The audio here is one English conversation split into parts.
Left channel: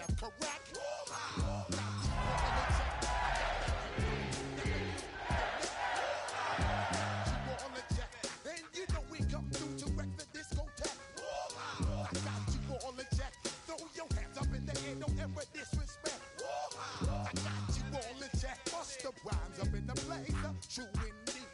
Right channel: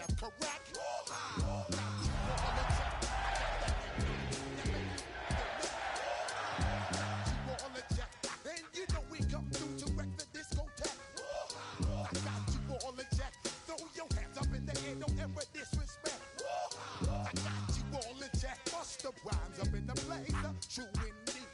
that's correct. Got you all in check. I got that you all in check. And you know we come through to wreck the discotheque. I got you all in check. Throw your hands up in the air, don't ever disrespect. I got you all in check. Bust the rhymes up in the place. True indeed.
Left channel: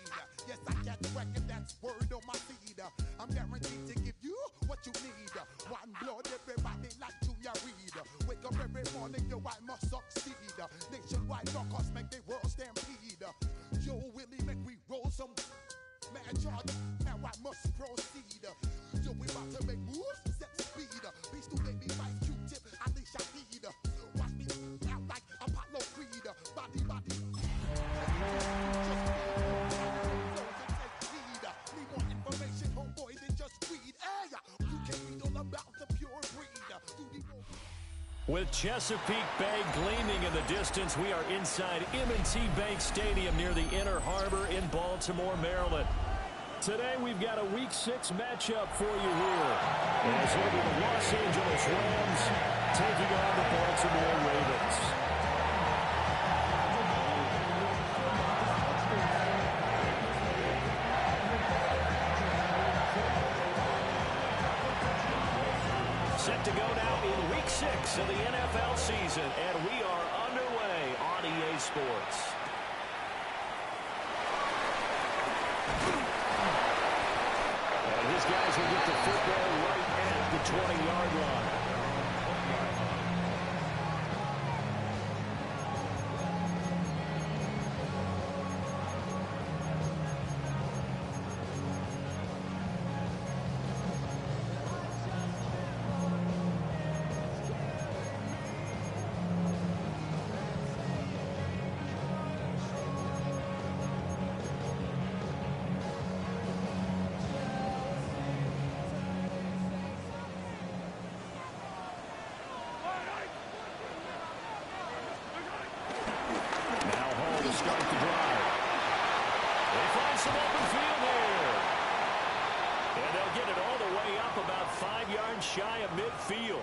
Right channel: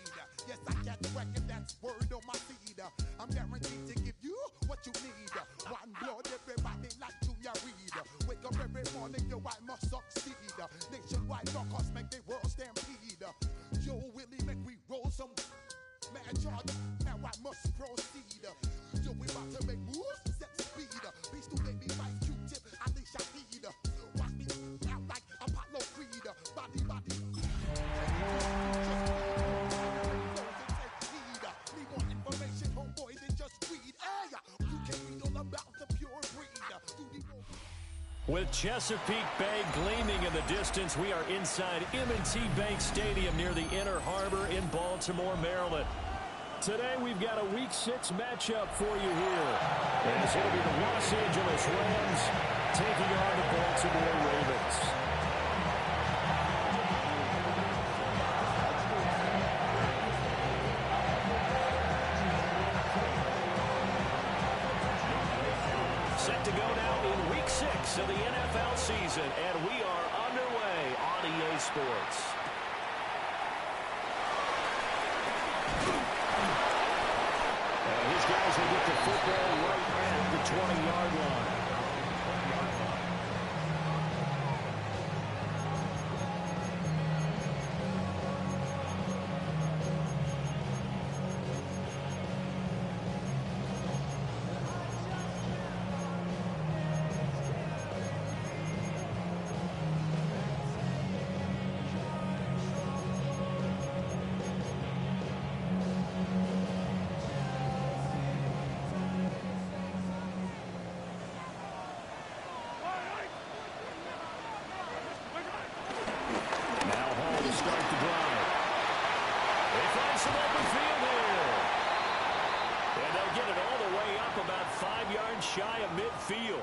Yes, I got the record, that's word on my feed. I'm guaranteed to give you what you need. One blood, everybody like Junior Reed. Wake up every morning, yo, I must succeed. Nationwide rockers make the world stampede. Yo, Willie, make we roll some mad charge. Now I must proceed. Yo, we about to make moves, set speed. Beast to baby, Vice Q-tip, Ali Shaheed. Watch me out like Apollo Creed. Body. Need more information, homeboy, than just read. Hey, you can read all about the pure breed. With Chesapeake Bay gleaming in the distance, we are inside M&T Bank Stadium near the Inner Harbor in Baltimore, Maryland. Today, we've got a Week 6 matchup for you here, as it'll be the Los Angeles Rams taking on the Baltimore Ravens. Set to go now in Week 6 of the NFL season, and we are underway on EA Sports. And his guys will get the football right at the 20-yard line. Start the drive. They find some open field here. And they'll get it all the way up about 5 yards shy of midfield.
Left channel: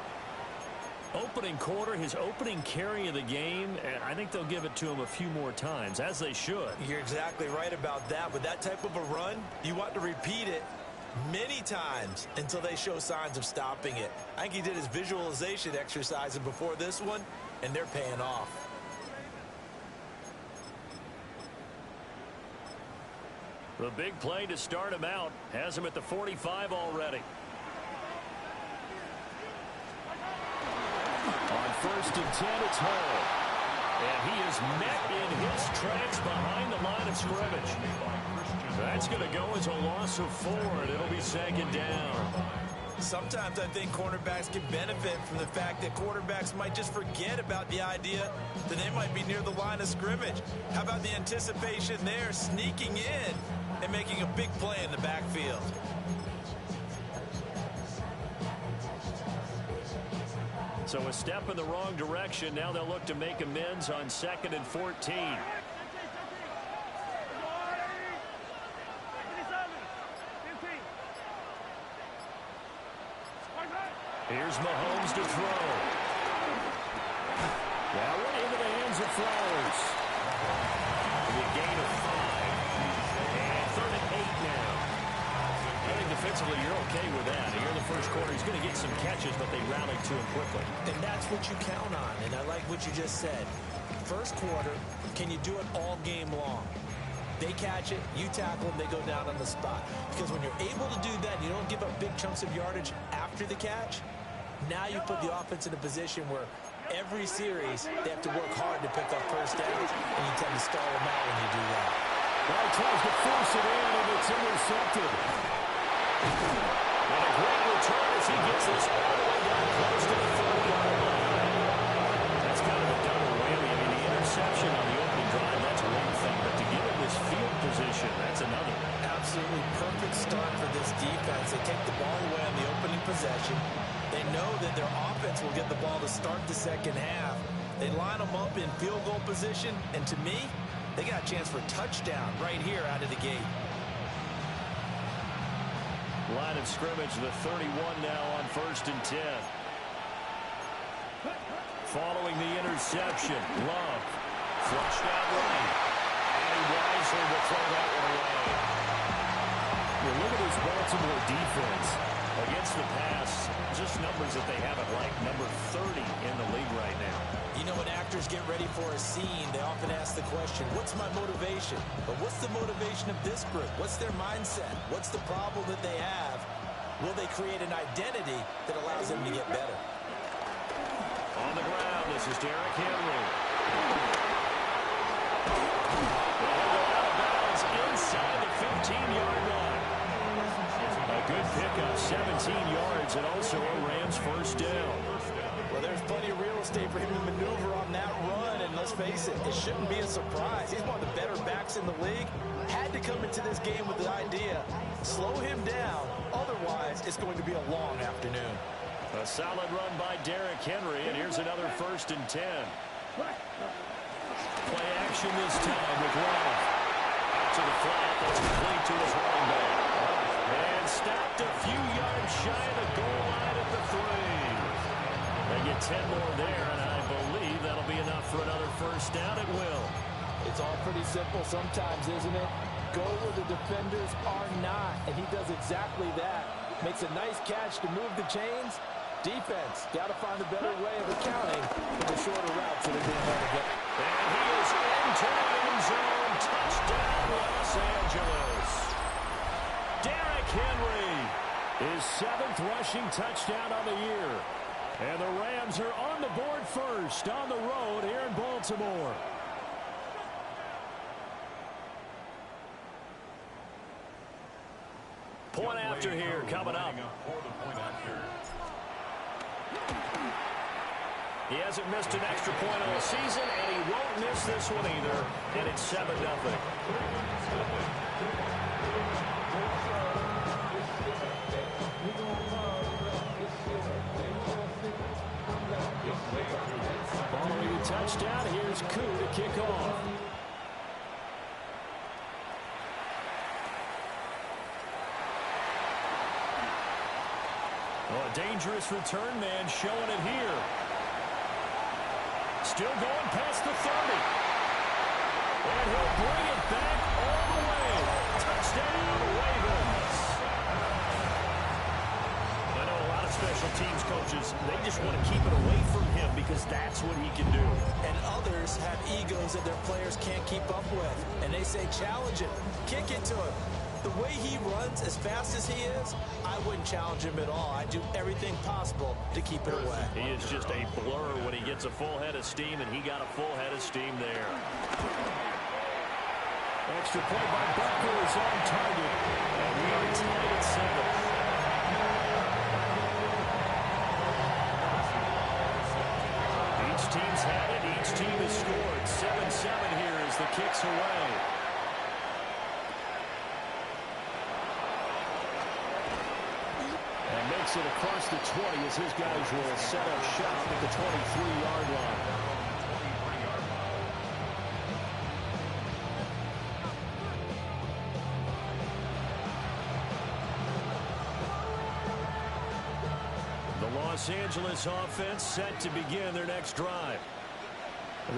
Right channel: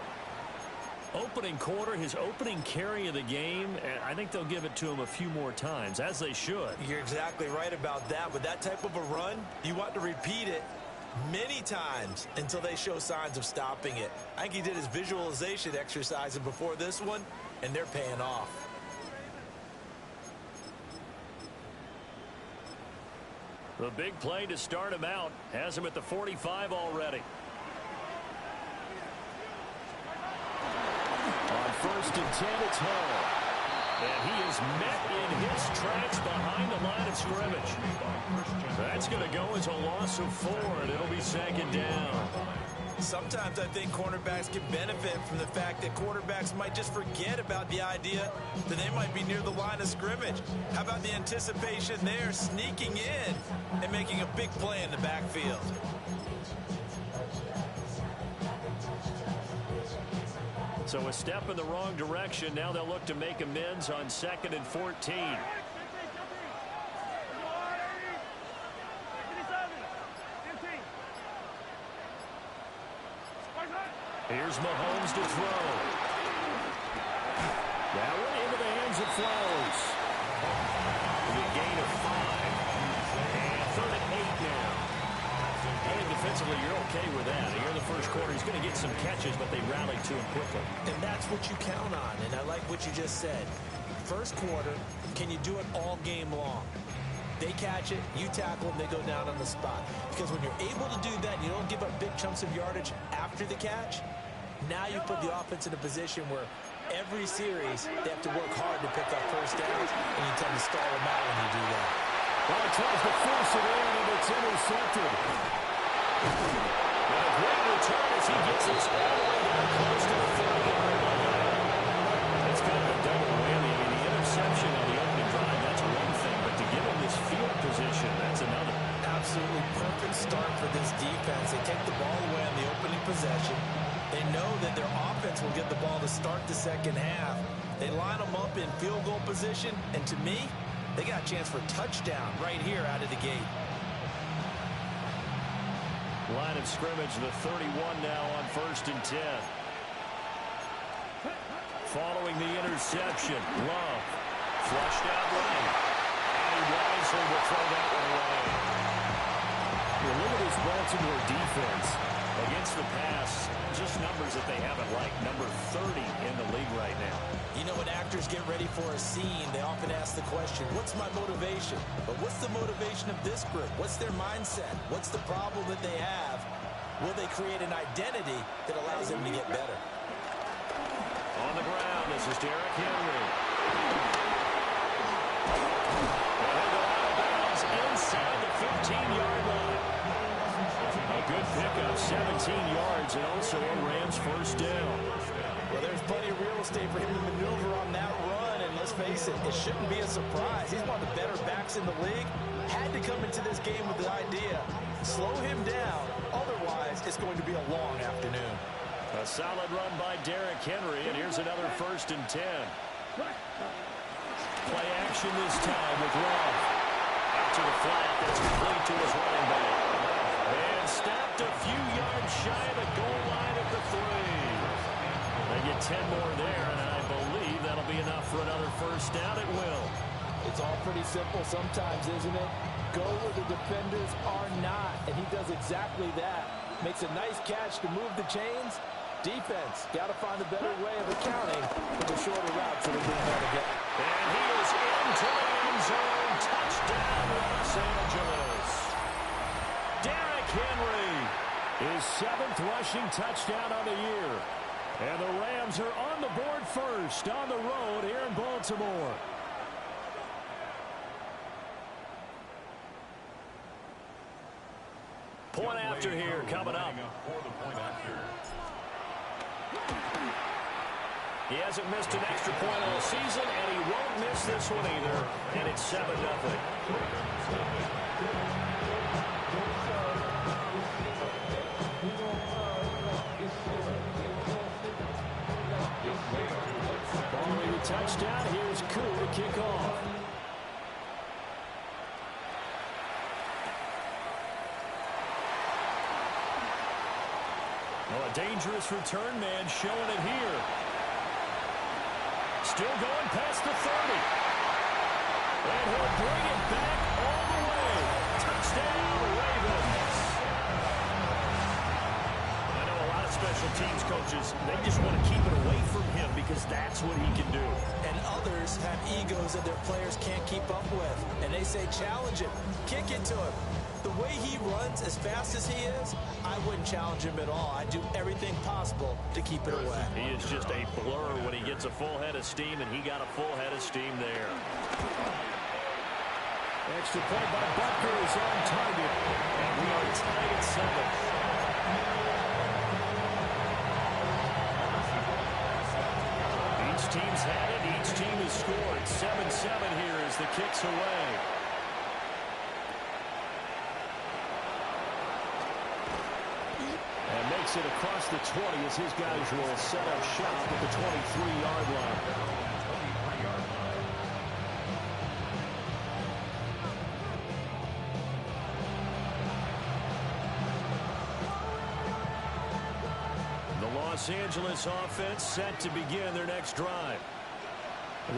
Opening quarter, his opening carry of the game, and I think they'll give it to him a few more times, as they should. You're exactly right about that. With that type of a run, you want to repeat it many times until they show signs of stopping it. I think he did his visualization exercise before this one, and they're paying off. The big play to start him out has him at the 45 already. On 1st and 10, it's Hall. And he is met in his tracks behind the line of scrimmage. That's going to go as a loss of 4, and it'll be 2nd down. Sometimes I think cornerbacks can benefit from the fact that quarterbacks might just forget about the idea that they might be near the line of scrimmage. How about the anticipation there, sneaking in and making a big play in the backfield? So a step in the wrong direction. Now they'll look to make amends on 2nd and 14. Here's Mahomes to throw. That one into the hands of Flowers. A gain of 5. And 3rd and 8 now. I think defensively you're okay with that. Here in the first quarter, he's going to get some catches, but they rallied to him quickly. And that's what you count on, and I like what you just said. First quarter, can you do it all game long? They catch it, you tackle them, they go down on the spot. Because when you're able to do that, you don't give up big chunks of yardage after the catch. Now you put the offense in a position where every series they have to work hard to pick up first downs, and you tend to stall them out when you do that. Well, he tries to force it in, and it's intercepted. What a great return as he gets this all the way down close to the 30-yard line. That's kind of a double whammy. I mean, the interception on the opening drive, that's one thing, but to give him this field position, that's another. Absolutely perfect start for this defense. They take the ball away on the opening possession. They know that their offense will get the ball to start the second half. They line them up in field goal position, and to me, they got a chance for a touchdown right here out of the gate. Line of scrimmage, the 31 now on 1st and 10. interception. Love flushed out right. And he wisely will throw that one away. Well, look at this Baltimore defense. Against the pass, just numbers that they haven't liked. Number 30 in the league right now. You know, when actors get ready for a scene, they often ask the question, what's my motivation? But what's the motivation of this group? What's their mindset? What's the problem that they have? Will they create an identity that allows them to get better? On the ground, this is Derrick Henry. Well, he'll go out of bounds inside the 15-yard line. A good pickup, 17 yards, and also a Rams first down. Well, there's plenty of real estate for him to maneuver on that run, and let's face it, it shouldn't be a surprise. He's one of the better backs in the league. Had to come into this game with the idea, slow him down, otherwise it's going to be a long afternoon. A solid run by Derrick Henry, and here's another 1st and 10. Play action this time with Love. Out to the flat, that's complete to his running back. And stopped a few yards shy of the goal line at the 3. They get 10 more there, and I believe that'll be enough for another first down. It will. It's all pretty simple sometimes, isn't it? Go where the defenders are not, and he does exactly that. Makes a nice catch to move the chains. Defense, got to find a better way of accounting for the shorter routes that are being able to get. And he is into the end zone. Touchdown, Los Angeles. Derrick Henry, his 7th rushing touchdown on the year. And the Rams are on the board first on the road here in Baltimore. Point after here coming up. He hasn't missed an extra point all season, and he won't miss this one either. And it's 7-0. Following the touchdown, here's Koo to kick off. Oh, a dangerous return man showing it here. Still going past the 30. And he'll bring it back all the way. Touchdown, Ravens. I know a lot of special teams coaches, they just want to keep it away from him because that's what he can do. And others have egos that their players can't keep up with. And they say, challenge him, kick it to him. The way he runs as fast as he is, I wouldn't challenge him at all. I'd do everything possible to keep it away. He is just a blur when he gets a full head of steam, and he got a full head of steam there. Extra point by Butker is on target, and we are tied at 7. Each team's had it. Each team has scored. 7-7 here as the kick's away. And makes it across the 20 as his guys will set up shop at the 23-yard line. The Los Angeles offense set to begin their next drive.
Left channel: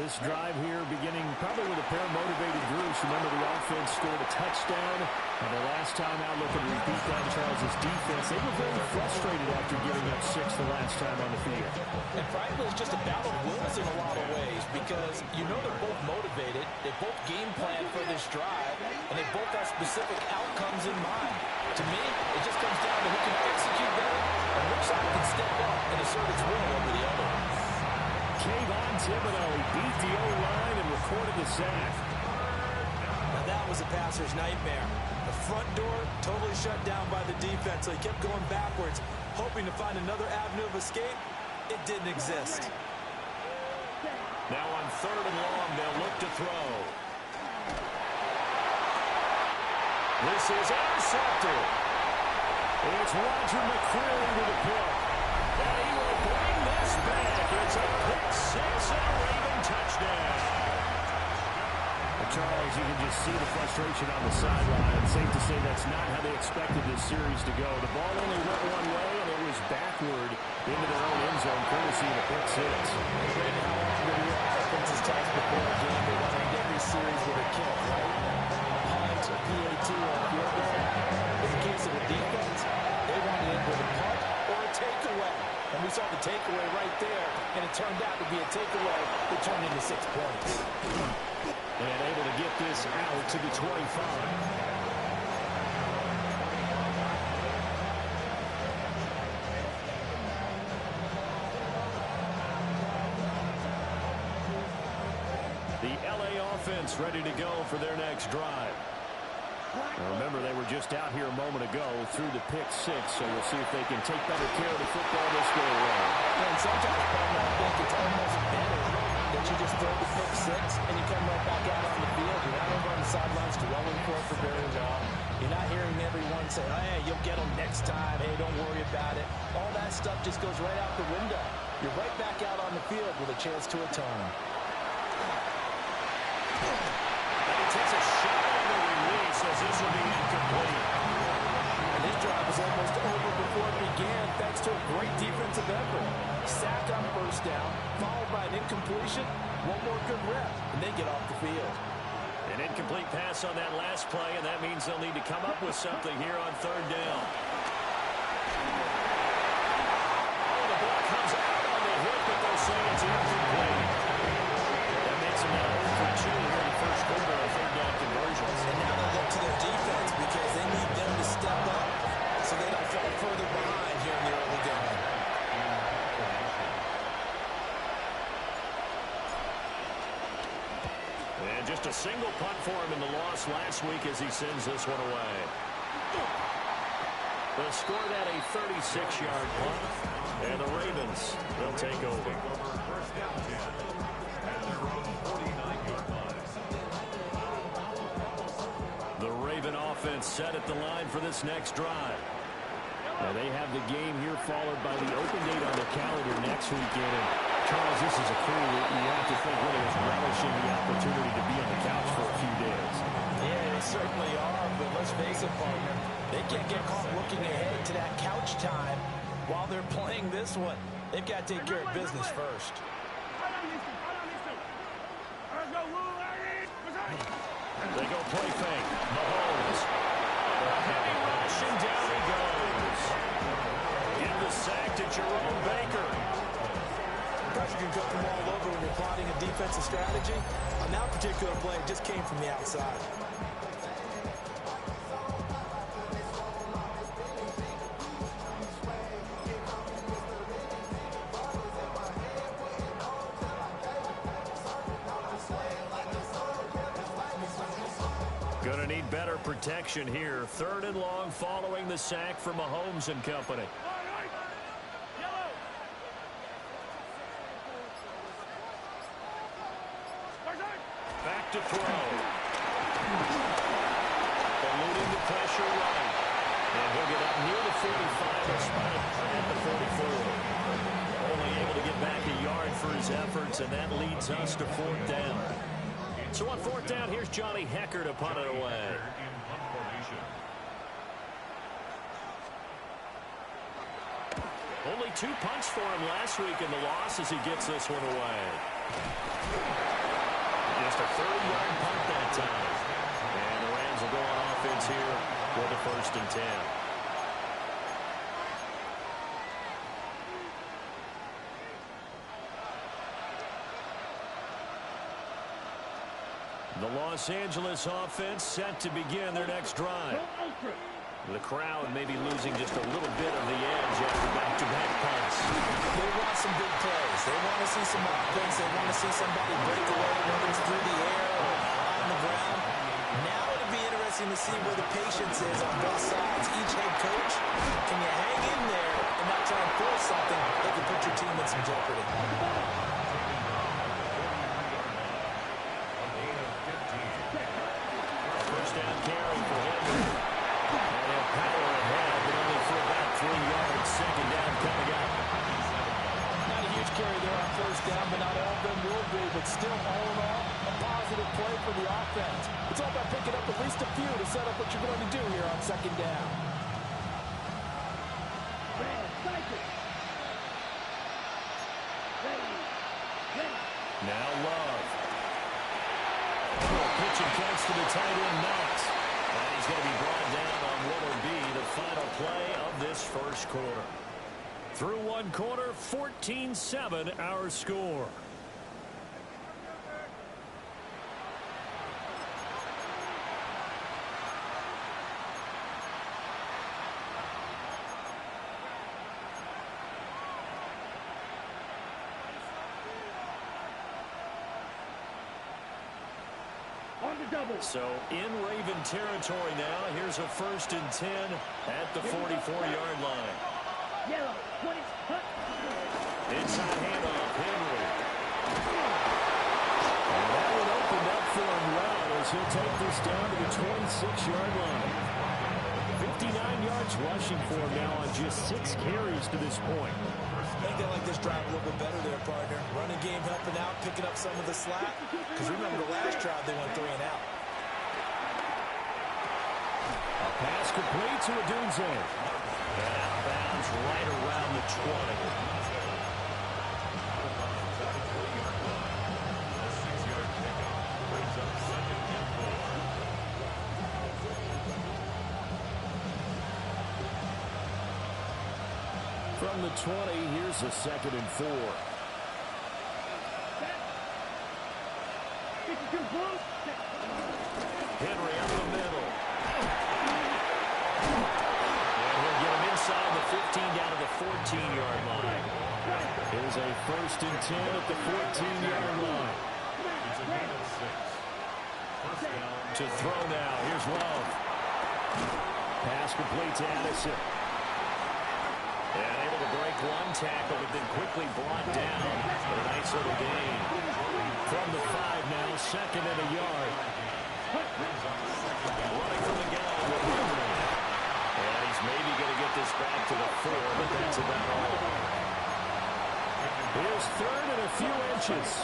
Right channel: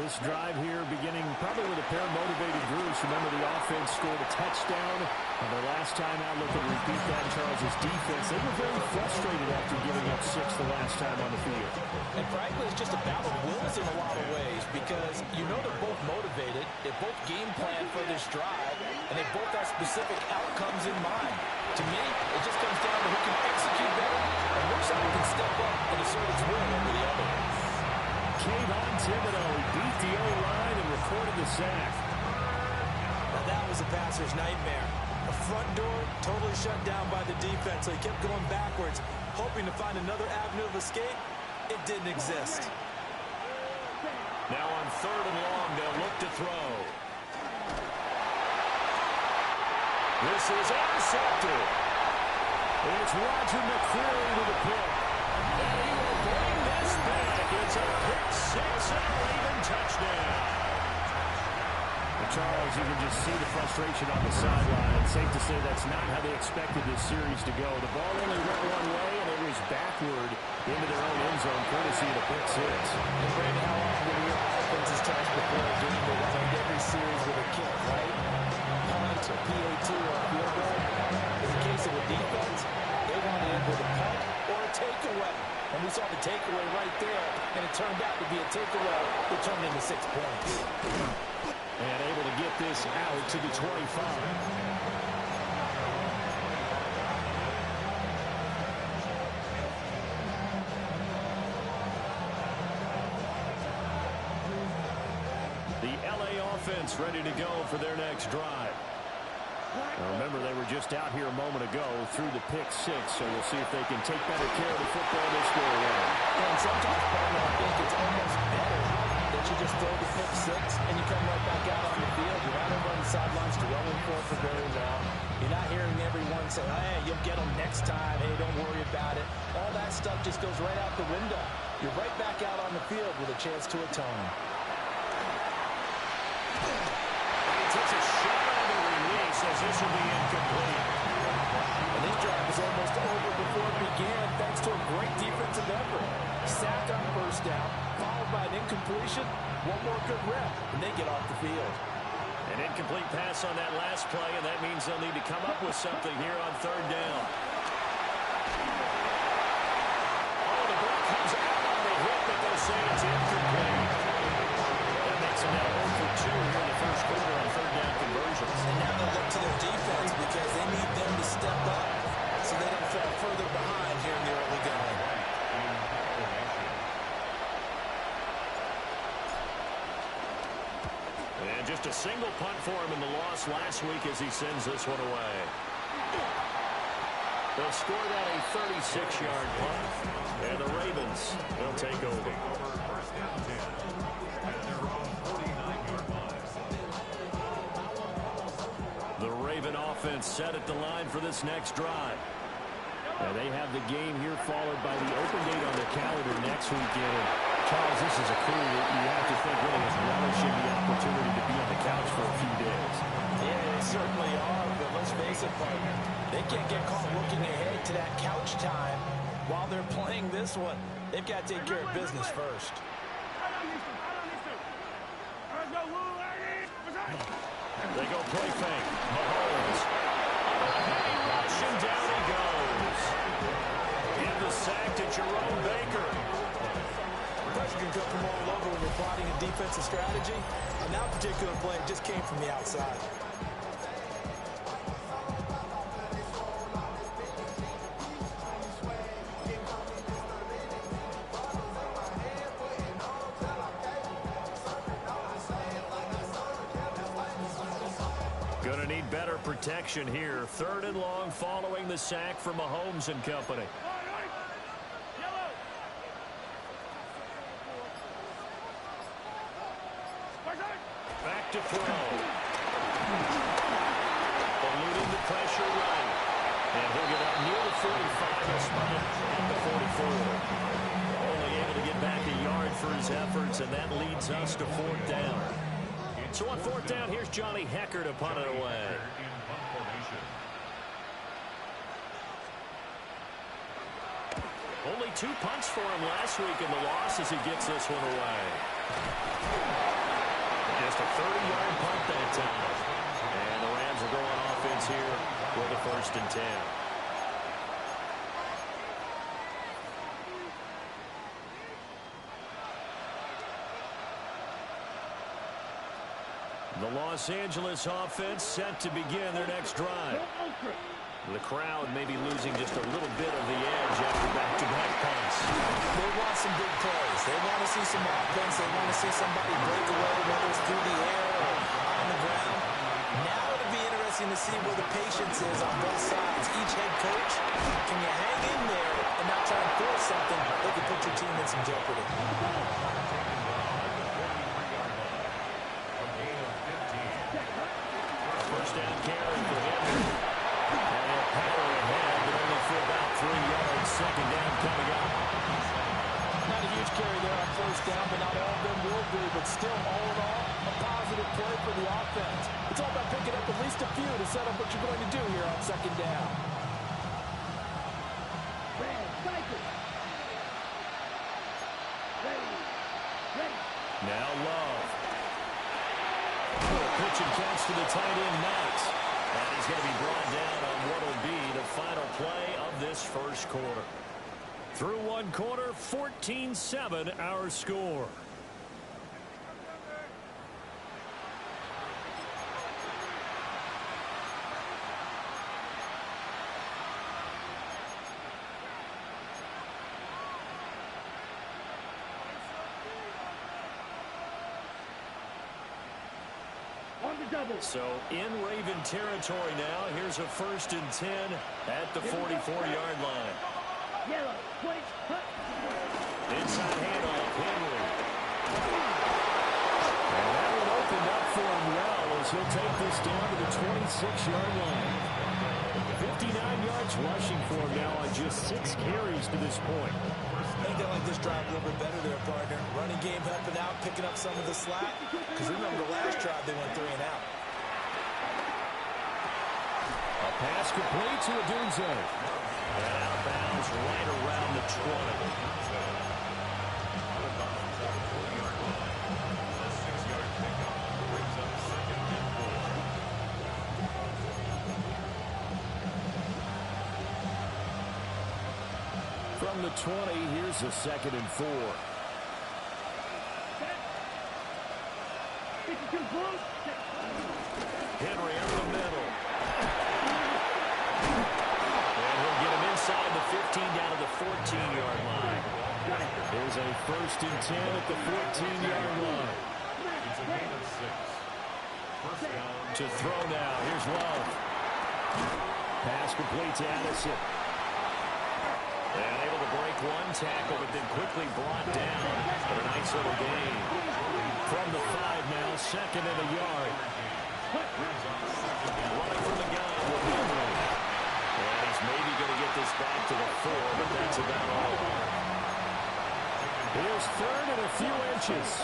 This drive here beginning probably with a pair of motivated groups. Remember, the offense scored a touchdown on their last time out. Looking to repeat that in Charles' defense. They were very frustrated after giving up 6 the last time on the field. And frankly, it's just a battle of wills in a lot of ways because you know they're both motivated. They both game plan for this drive, and they both have specific outcomes in mind. To me, it just comes down to who can execute better and which side can step up and assert its will over the other. Kayvon Thibodeaux, he beat the O-line and recorded the sack. Now that was a passer's nightmare. The front door totally shut down by the defense, so he kept going backwards, hoping to find another avenue of escape. It didn't exist. Now on 3rd and long, they'll look to throw. This is intercepted. It's Roger McCreary with a pick. And he will bring this back. It's a pick 6 and a Raven touchdown. Charles, you can just see the frustration on the sideline. Safe to say that's not how they expected this series to go. The ball only went one way, and it was backward into their own end zone, courtesy of the pick six. And Brandon, how often do we hear offenses tell us before a game they want to end every series with a kick, right? A punt, a PAT, or a field goal. In the case of the defense, they want to end with a punt or a takeaway. And we saw the takeaway right there, and it turned out to be a takeaway that turned into 6 points. And able to get this out to the 25. The LA offense ready to go for their next drive. Now remember, they were just out here a moment ago through the pick six, so we'll see if they can take better care of the football this go around. And sometimes, partner, I think it's almost better that you just throw the pick six and you come right back out on the field. You're not over on the sidelines dwelling for it for very long. You're not hearing everyone say, hey, you'll get them next time. Hey, don't worry about it. All that stuff just goes right out the window. You're right back out on the field with a chance to atone. And he takes a shot on the release as this will be incomplete. And this drive was almost over before it began thanks to a great defensive effort. Sack on first down, followed by an incompletion, one more good rep, and they get off the field. An incomplete pass on that last play, and that means they'll need to come up with something here on third down. Oh, the ball comes out on the hit, but they'll say it's incomplete. That makes them now 0 for 2 here in the first quarter on third down conversions. And now they look to their defense because they need them to step up so they don't fall further behind here in the early going. And just a single punt for him in the loss last week as he sends this one away. They'll score that a 36-yard punt. And the Ravens, they'll take over. The Raven offense set at the line for this next drive. Now they have the game here followed by the open date on the calendar next weekend. And Charles, this is a crew that you have to think really is relishing the opportunity to be on the couch for a few days. Yeah, they certainly are, but let's face it, partner. They can't get caught looking ahead to that couch time while they're playing this one. They've got to take care of business first. They go play fake. Mahomes. Under a heavy rush, and down he goes. Give the sack to Jerome Baker. Pressure can come from all over when you're plotting a defensive strategy. On that particular play, it just came from the outside. Gonna need better protection here. Third and long following the sack from Mahomes and company. Back to throw. Eluding the pressure right. And he'll get up near the 45. He'll spot it at the 44. Only able to get back a yard for his efforts, and that leads us to fourth down. So on fourth down, here's Johnny Hekker to punt it away. Only 2 punts for him last week in the loss as he gets this one away. Just a 30-yard punt that time. And the Rams will go on offense here with a 1st and 10. The Los Angeles offense set to begin their next drive. The crowd may be losing just a little bit of the edge after back-to-back punts. They want some big plays. They want to see some offense. They want to see somebody break away, whether it's through the air or on the ground. Now it'll be interesting to see where the patience is on both sides. Each head coach, can you hang in there and not try and force something that could put your team in some jeopardy? First down carry for Henry. And he'll power ahead, but only for about 3 yards. Second down coming up. Not a huge carry there on first down. around, but not all of them will be. But still, all in all, a positive play for the offense. It's all about picking up at least a few to set up what you're going to do here on second down. Now Love. Pitch and catch to the tight end, Knox. And he's going to be brought down on what will be the final play of this first quarter. Through one quarter, 14-7 our score. So in Raven territory now. Here's a 1st and 10 at the 44-yard line. Yellow, 20, Inside handoff, Henry. And that one opened up for him well as he'll take this down to the 26-yard line. 59 yards rushing for him now on just 6 carries to this point. I think they like this drive a little bit better there, partner. Running game helping out, picking up some of the slack. Because remember the last drive, they went 3 and out. A pass complete to Odunze. And outbounds right around the 20. From the 20, here's a 2nd and 4. Henry up the middle. And he'll get him inside the 15 down to the 14-yard line. Here's a 1st and 10 at the 14-yard line. It's a gain of 6. First down. To throw now. Here's Love. Pass complete to Addison. And able to break one tackle, but then quickly brought down. But a nice little gain. From the 5 now, 2nd and a yard. Running from the gun with Henry. And he's maybe going to get this back to the 4, but that's about all. Here's 3rd and a few inches.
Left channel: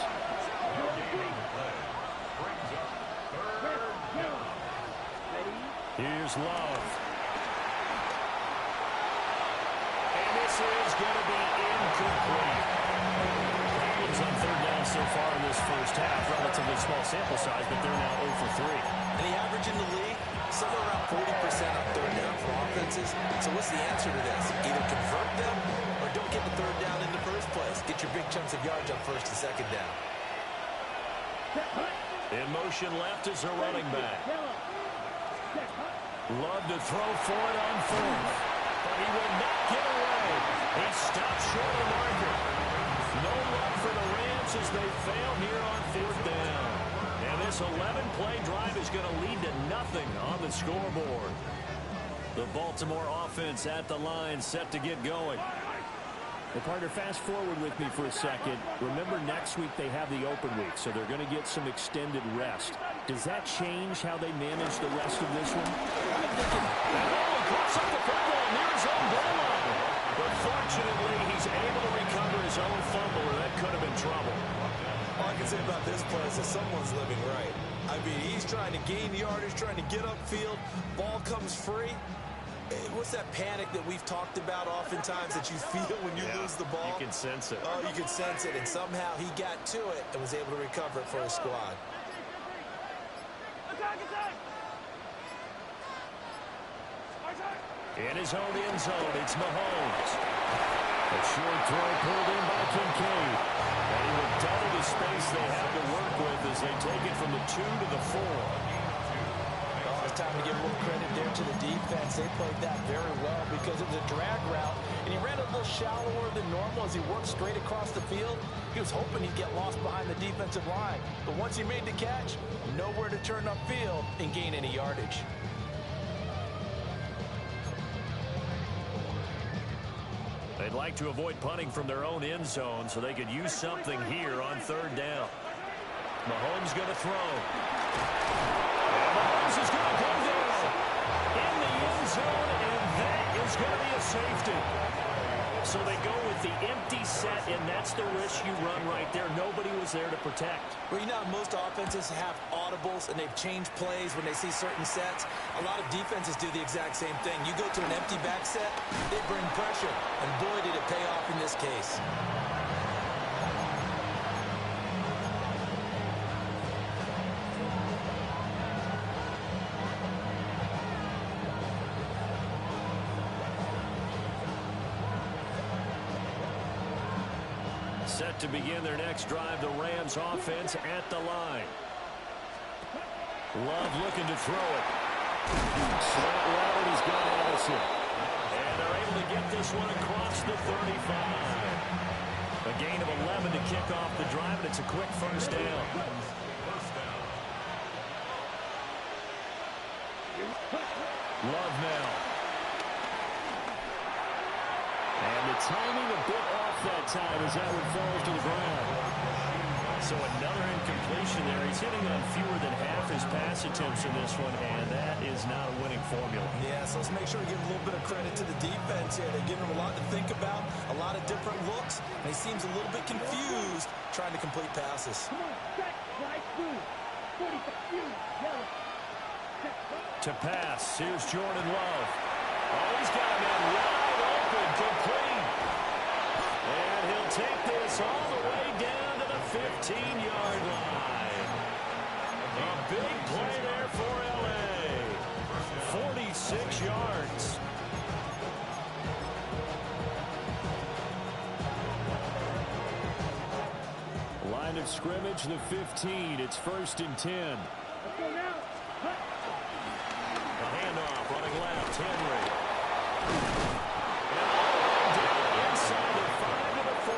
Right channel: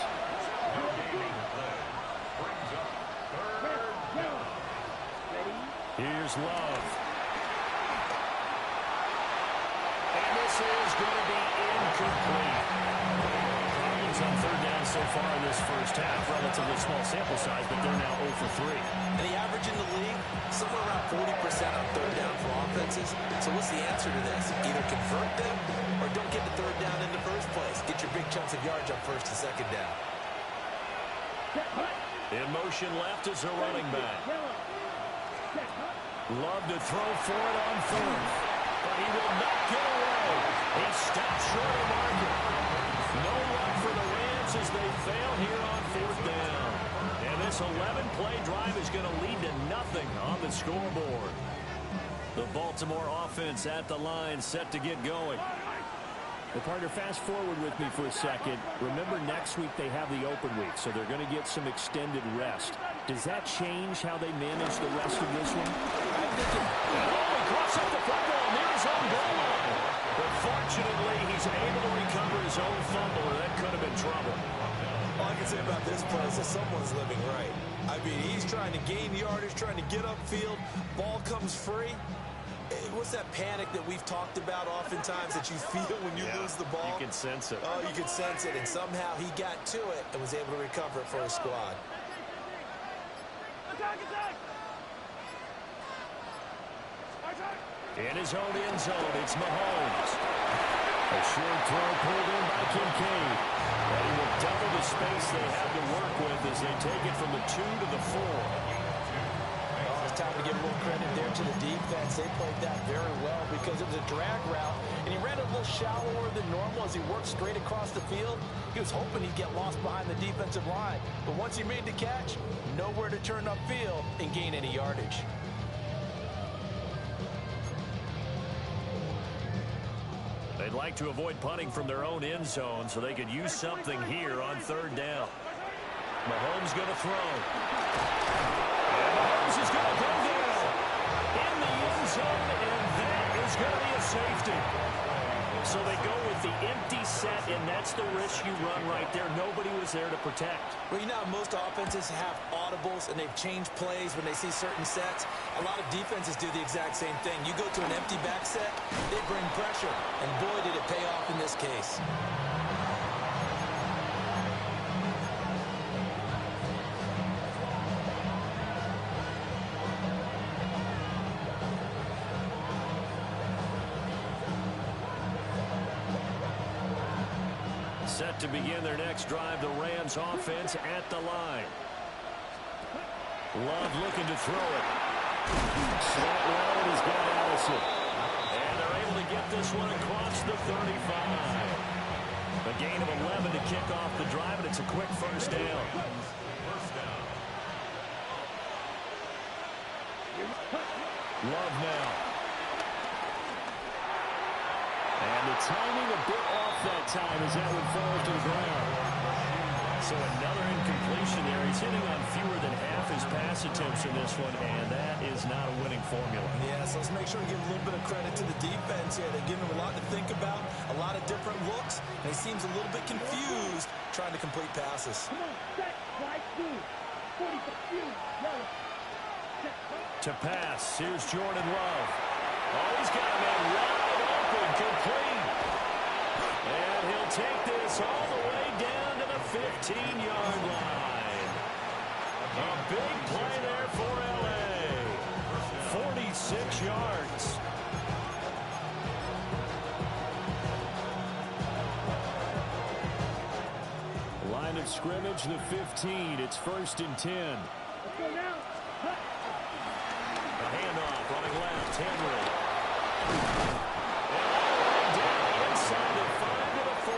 Here's Love. And this is going to be incomplete. Problems on 3rd down so far in this first half. Relatively small sample size, but they're now 0 for 3. And the average in the league, somewhere around 40% on 3rd down for offenses. So what's the answer to this? Either convert them or don't get the 3rd down in the first place. Get your big chunks of yards on 1st and 2nd down. In motion left is a running back. Love to throw for it on 4th. But he will not get away. He stops short of the marker. No luck for the Rams as they fail here on 4th down. And this 11-play drive is going to lead to nothing on the scoreboard. The Baltimore offense at the line, set to get going. Well, partner, fast forward with me for a second. Remember, next week they have the open week, so they're going to get some extended rest. Does that change how they manage the rest of this one? I think it... And he coughs up the football near his own goal line. But fortunately, he's able to recover his own fumble, or that could have been trouble. All I can say about this play is that someone's living right. I mean, he's trying to gain yardage, trying to get upfield. Ball comes free. What's that panic that we've talked about oftentimes that you feel when you lose the ball? You can sense it. Oh, you can sense it. And somehow he got to it and was able to recover it for his squad. In his own end zone, it's Mahomes. A short throw pulled in by Kincaid. And he will double the space they have to work with as they take it from the 2 to the 4. It's time to give a little credit there to the defense. They played that very well because it was a drag route, and he ran a little shallower than normal as he worked straight across the field. He was hoping he'd get lost behind the defensive line, but once he made the catch, nowhere to turn upfield and gain any yardage. They'd like to avoid punting from their own end zone so they could use something here on 3rd down. Mahomes going to throw. And Mahomes is going to go down in the end zone, and that is going to be a safety. So they go with the empty set, and that's the risk you run right there. Nobody was there to protect. Well, you know how most offenses have audibles, and they've changed plays when they see certain sets. A lot of defenses do the exact same thing. You go to an empty back set, they bring pressure, and boy, did it pay off in this case. Set to begin their next drive, the Rams offense at the line. Love looking to throw it. Slant route, and he's got Allison. And they're able to get this one across the 35. A gain of 11 to kick off the drive, and it's a quick first down. Love now. And the timing a bit off that time as that one falls to the ground. So another incompletion there. He's hitting on fewer than half his pass attempts in this one, and that is not a winning formula. Yeah, so let's make sure we give a little bit of credit to the defense here. They're giving him a lot to think about, a lot of different looks, and he seems a little bit confused trying to complete passes. Come on, set, slide through. 40, yellow. To pass, here's Jordan Love. Oh, he's got a man wide open, complete. And he'll take this all the way down to the 15-yard line. A big play there for L.A. 46 yards. Line of scrimmage, the 15. It's 1st and 10. Let's go now. Cut. The handoff, running left, Henry. And all the way down inside the 5 to the 4.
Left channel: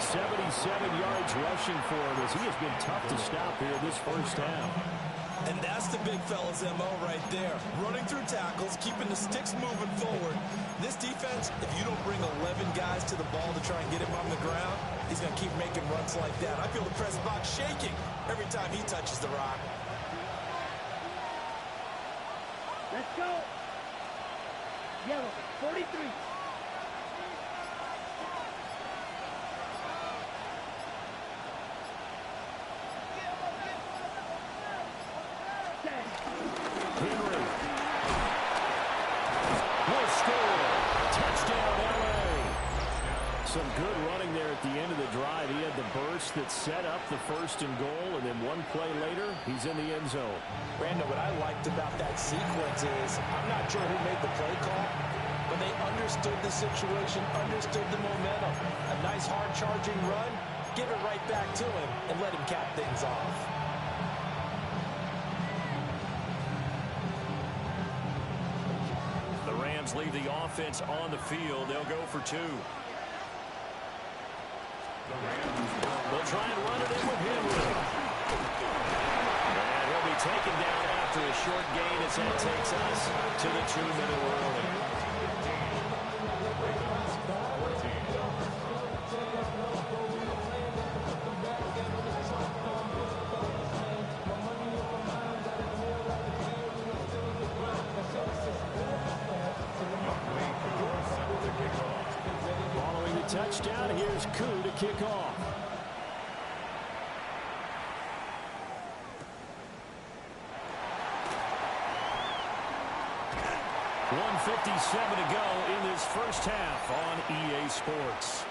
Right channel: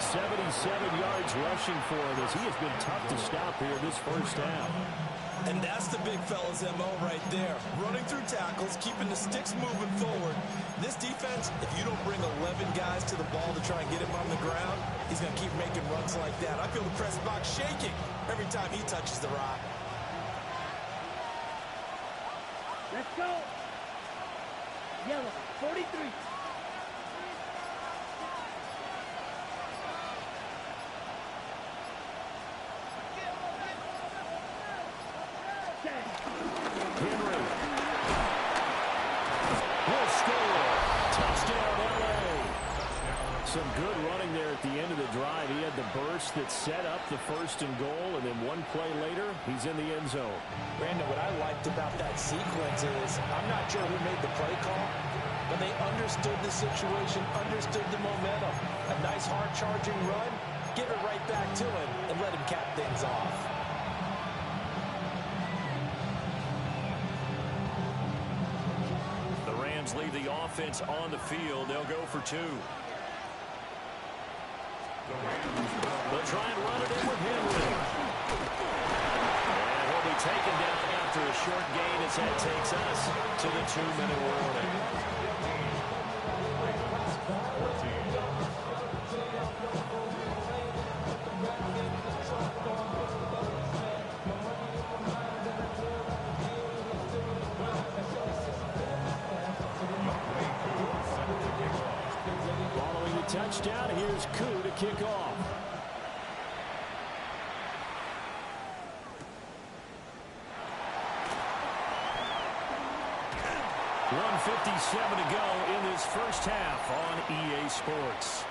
77 yards rushing for him as he has been tough to stop here this first half. And that's the big fella's MO right there. Running through tackles, keeping the sticks moving forward. This defense, if you don't bring 11 guys to the ball to try and get him on the ground, he's going to keep making runs like that. I feel the press box shaking every time he touches the rock. Let's go. Yellow, 43. Henry will score. Touchdown, L.A. Some good running there at the end of the drive. He had the burst that set up the 1st and goal, and then one play later, he's in the end zone. Brandon, what I liked about that sequence is I'm not sure who made the play call, but they understood the situation, understood the momentum. A nice hard-charging run, give it right back to him, and let him cap things off. The Rams leave the offense on the field. They'll go for 2. They'll try and run it in with Henry. And he'll be taken down after a short gain as that takes us to the 2-minute warning. Following the touchdown, here's Koo to kick off. .157 to go in this first half on EA Sports.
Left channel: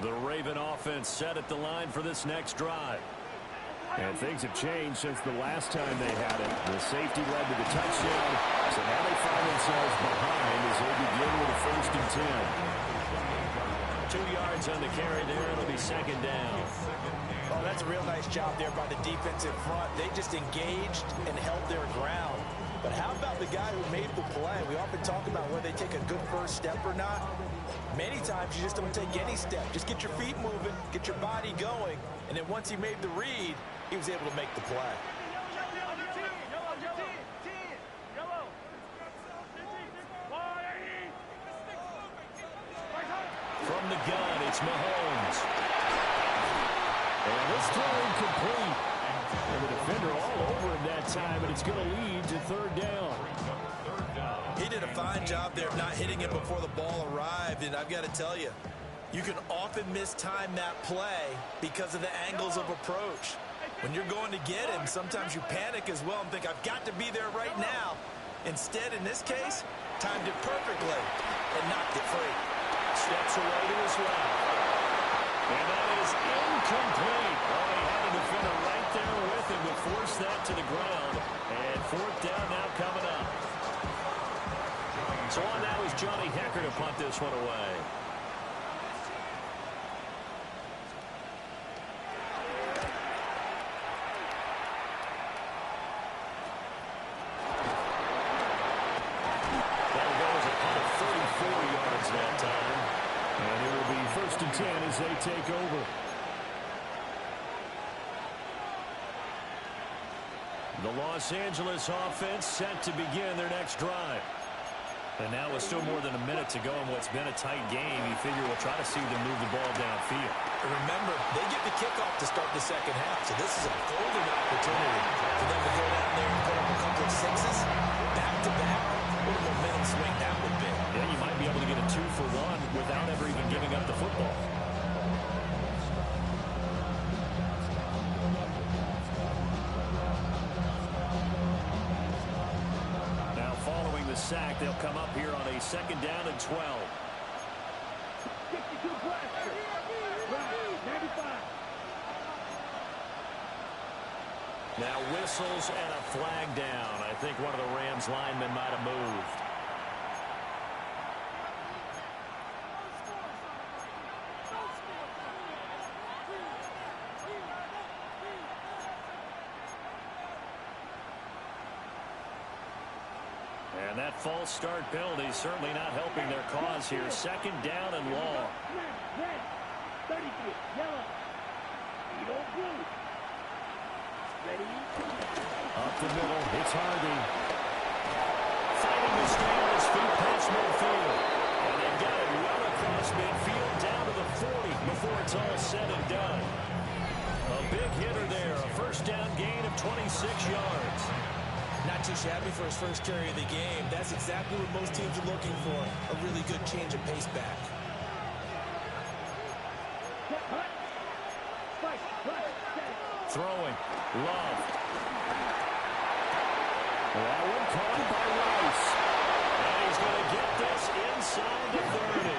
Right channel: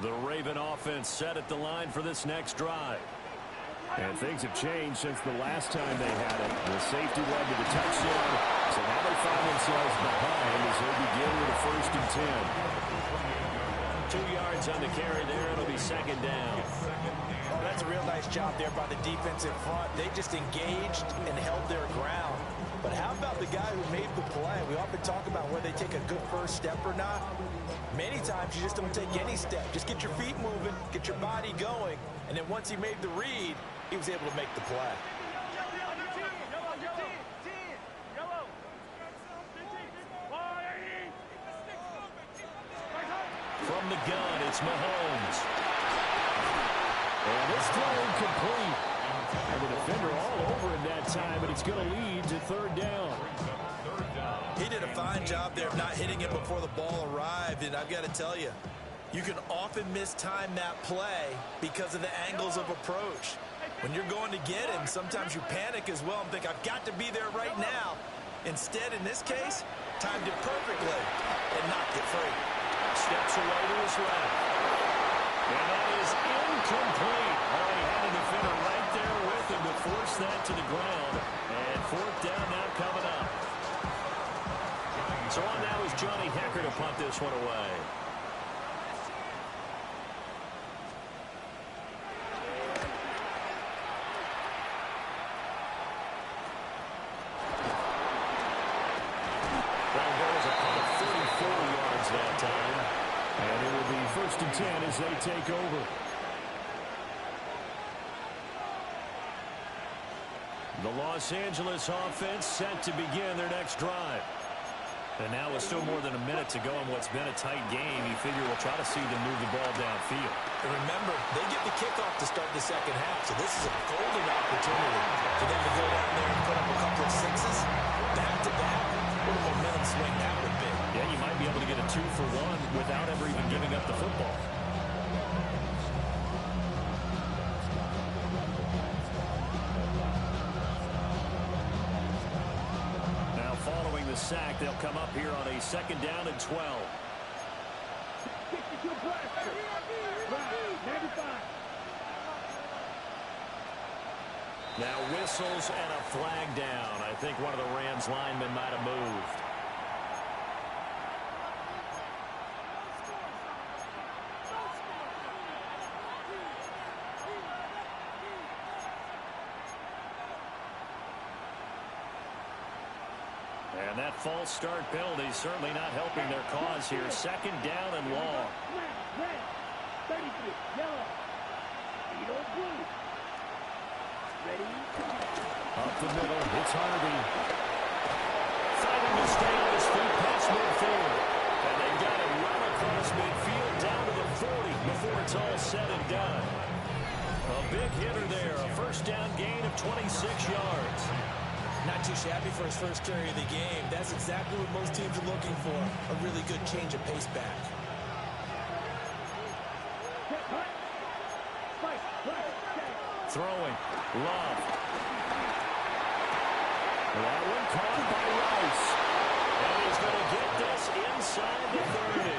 The Raven offense set at the line for this next drive. And things have changed since the last time they had it. The safety led to the touchdown, so now they find themselves behind as they begin with a 1st and 10. 2 yards on the carry there. It'll be 2nd down. Oh, that's a real nice job there by the defense in front. They just engaged and held their ground. But how about the guy who made the play? We often talk about whether they take a good first step or not. Many times you just don't take any step. Just get your feet moving, get your body going, and then once he made the read, he was able to make the play. From the gun, it's Mahomes. And this throw incomplete. And the defender all over him that time, but it's going to lead to 3rd down. He did a fine job there of not hitting it before the ball arrived, and I've got to tell you, you can often mistime that play because of the angles of approach. When you're going to get him, sometimes you panic as well and think, I've got to be there right now. Instead, in this case, timed it perfectly and knocked it free. Steps away to his left. And that is incomplete. Oh, he had a defender right there with him to force that to the ground. And fourth down now coming up. So on now is Johnny Hekker to punt this one away. That'll go as a punt of 34 yards that time. And it will be 1st and 10 as they take over. The Los Angeles offense set to begin their next drive. And now with still more than a minute to go in what's been a tight game, you figure we'll try to see them move the ball downfield. And remember, they get the kickoff to start the second half, so this is a golden opportunity for them to go down there and put up a couple of sixes back-to-back. What a momentum swing that would be. Yeah, you might be able to get a 2-for-1 without ever even giving up the football. Following the sack, they'll come up here on a 2nd down and 12. 62 blaster. Right, 95. Now whistles and a flag down. I think one of the Rams linemen might have moved. And that false start penalty certainly not helping their cause here. 2nd down and long. Red, 33, yellow, Edo blue. Ready? Up the middle, it's Harvey. Fighting to stay on his feet past midfield. And they've got it well across midfield down to the 40 before it's all said and done. A big hitter there, a 1st down gain of 26 yards. Not too shabby for his first carry of the game. That's exactly what most teams are looking for. A really good change of pace back. Throwing. Love. That one caught by Rice. And he's going to get this inside the 30.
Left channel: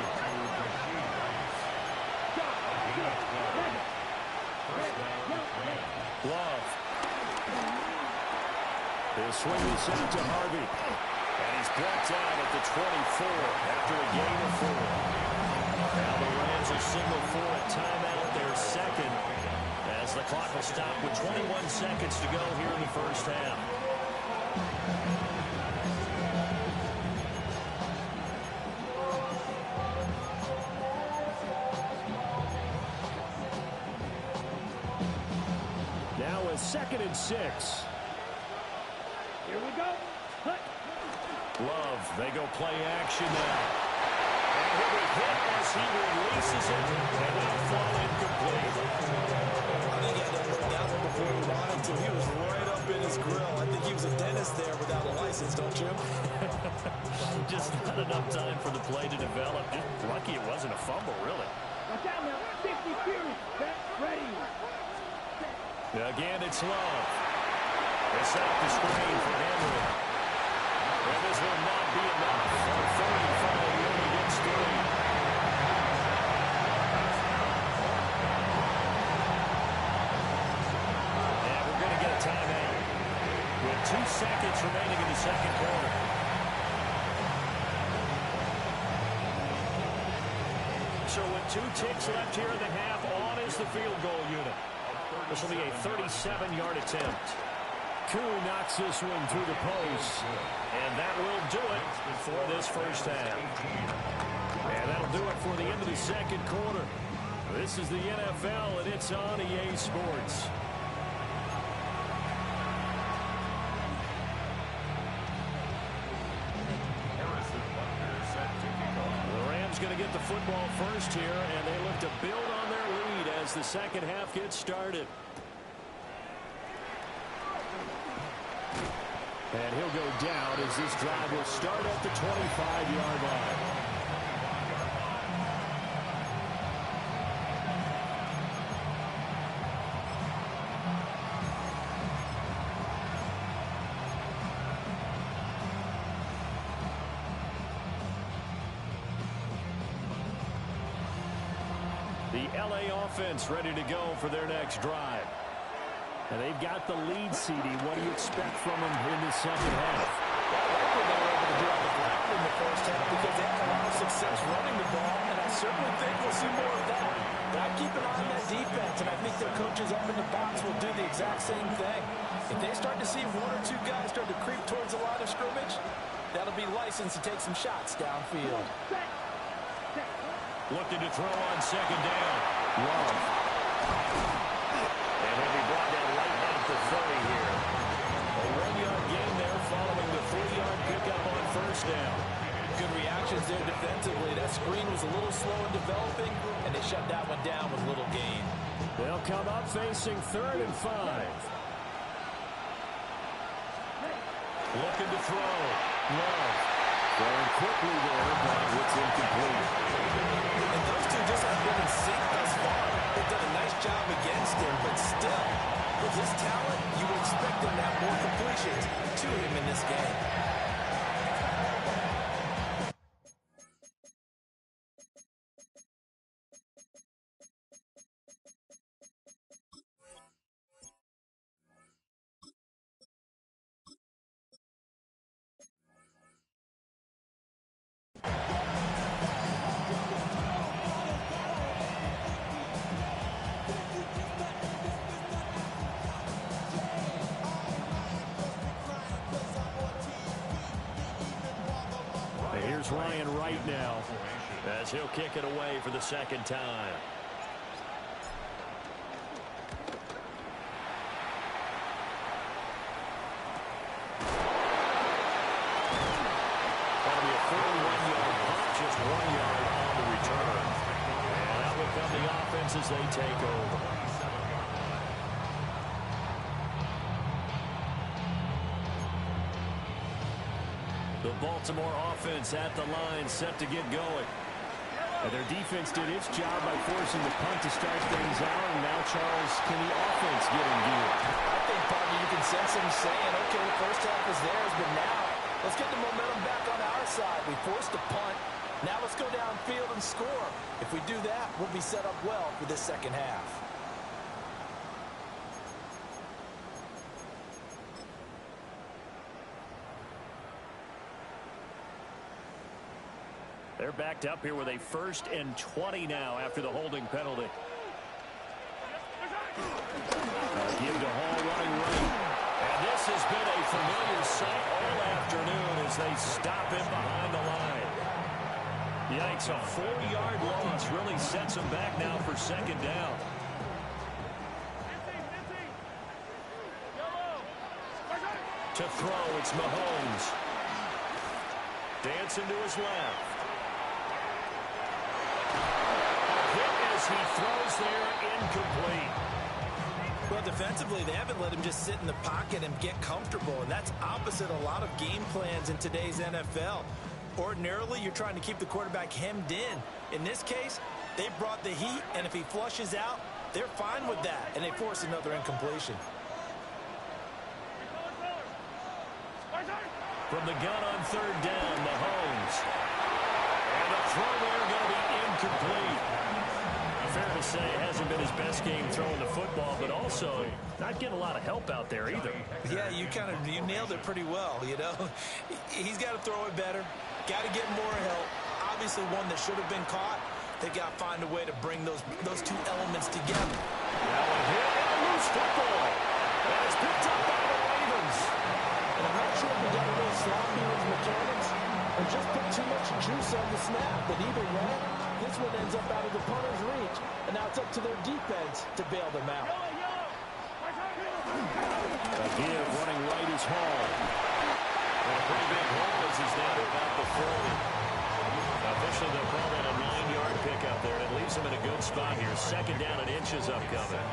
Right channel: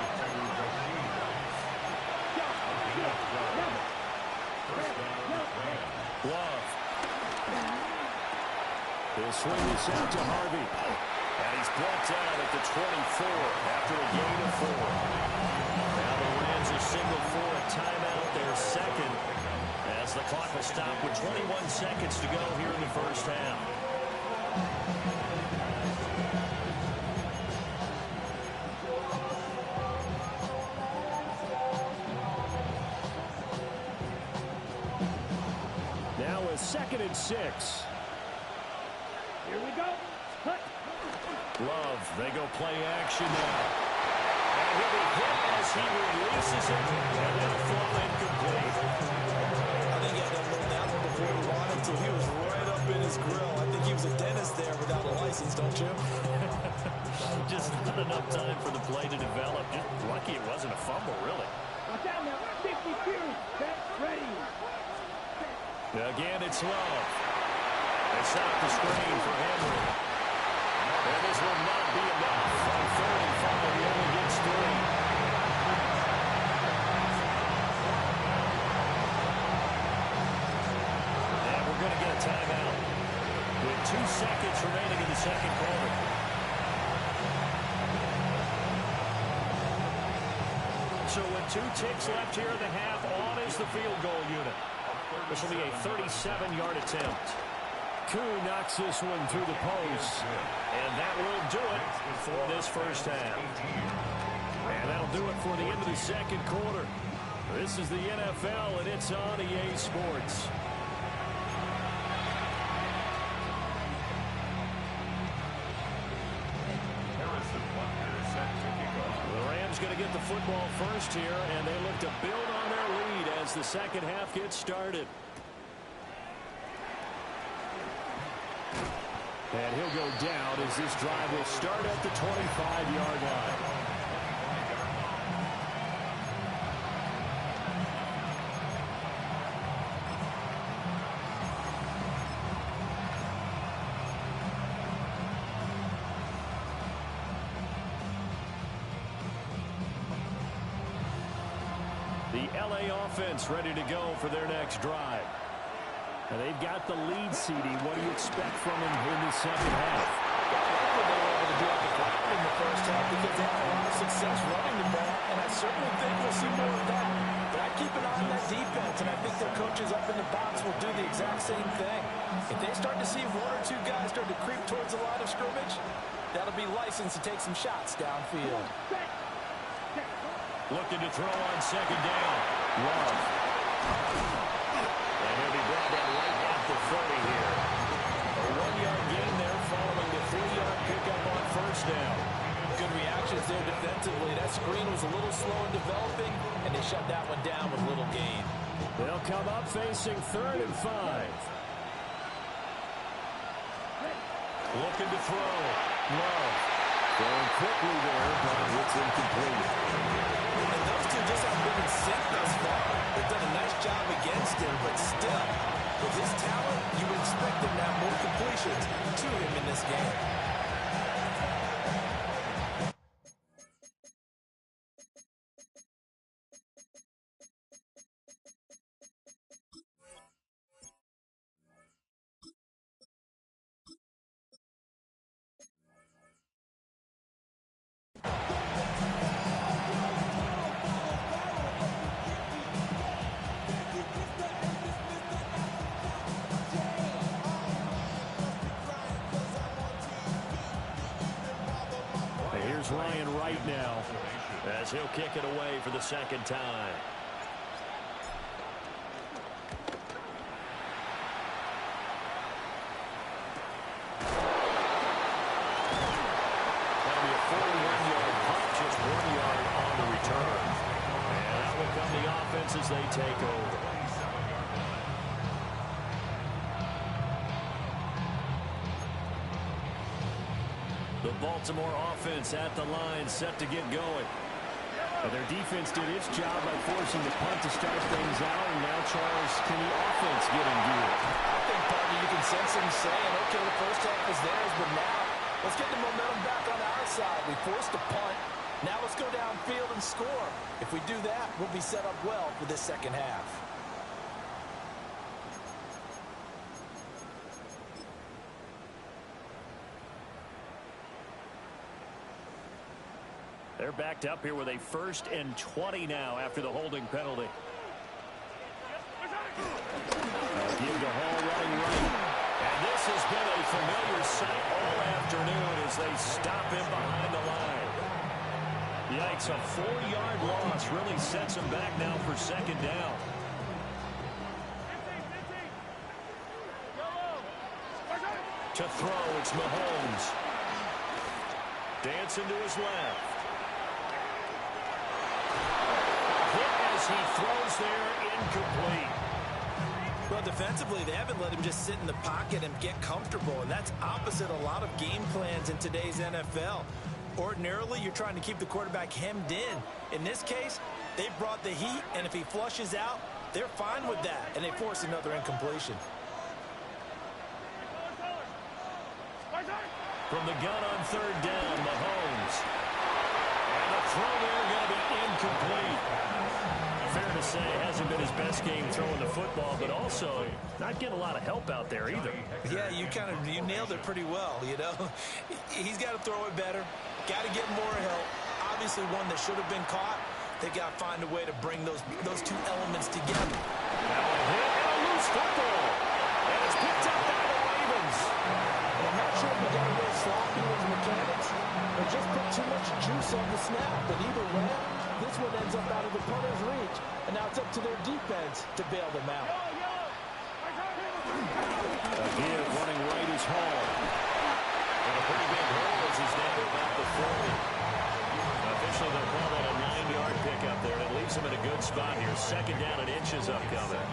Love. He'll swing this out to Harvey. And he's brought down at the 24 after a gain of 4. Now the Rams are signaled for a timeout, their 2nd, as the clock will stop with 21 seconds to go here in the 1st half. Now a 2nd and 6. Here we go. Hut. Love, they go play action now. And he'll be hit as he releases it, and that'll fall incomplete. I think he had to unload that one before he wanted to. He was right up in his grill. I think he was a dentist there without a license, don't you? Just not enough time for the play to develop. Just lucky it wasn't a fumble, really. Watch out now. 50 Fury. Set. Ready. Again, it's Love. They set up the screen for Henry. And this will not be enough. On 35, he only gets 3. And we're going to get a timeout with 2 seconds remaining in the 2nd quarter. So with 2 ticks left here in the half, on is the field goal unit. This will be a 37-yard attempt. Koo knocks this one through the post. And that will do it for this 1st half. And that'll do it for the end of the 2nd quarter. This is the NFL, and it's on EA Sports. The Rams going to get the football first here, and they look to build on their lead as the 2nd half gets started. And he'll go down as this drive will start at the 25-yard line. The LA offense ready to go for their next drive. And they've got the lead, CD. What do you expect from them in the second half? Well, I like what they were able to do on the ground in the first half because they had a lot of success running the ball, and I certainly think we'll see more of that. But I keep an eye on that defense, and I think their coaches up in the box will do the exact same thing. If they start to see one or two guys start to creep towards the line of scrimmage, that'll be license to take some shots downfield. Looking to throw on second down. Love. And he'll be brought down right at the 30 here. A 1-yard gain there following the 3-yard pickup on first down. Good reactions there defensively. That screen was a little slow in developing, and they shut that one down with little gain. They'll come up facing 3rd and 5. Looking to throw. Love. Throwing quickly there, but it's incomplete. And those two just have been in sync thus far. They've done a nice job against him, but still, with his talent, you would expect him to have more completions to him in this game. Here's Ryan right now as he'll kick it away for the second time. That'll be a 41-yard punt, just 1 yard on the return. And out will come the offense as they take over. The Baltimore offense at the line, set to get going. And their defense did its job by forcing the punt to start things out. And now, Charles, can the offense get in gear? I think, partner, you can sense them saying, okay, the first half is theirs, but now let's get the momentum back on our side. We forced a punt. Now let's go downfield and score. If we do that, we'll be set up well for this second half. They're backed up here with a 1st and 20 now after the holding penalty. Give to Hall running right. And this has been a familiar sight all afternoon as they stop him behind the line. Yikes, a 4-yard loss really sets him back now for second down. To throw, it's Mahomes. Dancing to his left. Hit as he throws there, incomplete. Well, defensively, they haven't let him just sit in the pocket and get comfortable, and that's opposite a lot of game plans in today's NFL. Ordinarily, you're trying to keep the quarterback hemmed in. In this case, they brought the heat, and if he flushes out, they're fine with that, and they force another incompletion. From the gun on 3rd down, Mahomes. And the throw there going to be incomplete. Fair to say, hasn't been his best game throwing the football, but also not getting a lot of help out there either. Yeah, you nailed it pretty well, you know. He's got to throw it better, got to get more help. Obviously one that should have been caught. They got to find a way to bring those two elements together. Now a hit and a loose football. And it's picked up by the Ravens. And I'm not sure if we got a little sloppy with mechanics or just put too much juice on the snap. But either way, this one ends up out of the punter's reach. And now it's up to their defense to bail them out. A give running right is Hall. And a pretty big hole as he's down to about the 40. Officially, they'll call that a 9-yard pickup there. And it leaves him in a good spot here. Second down and inches upcoming.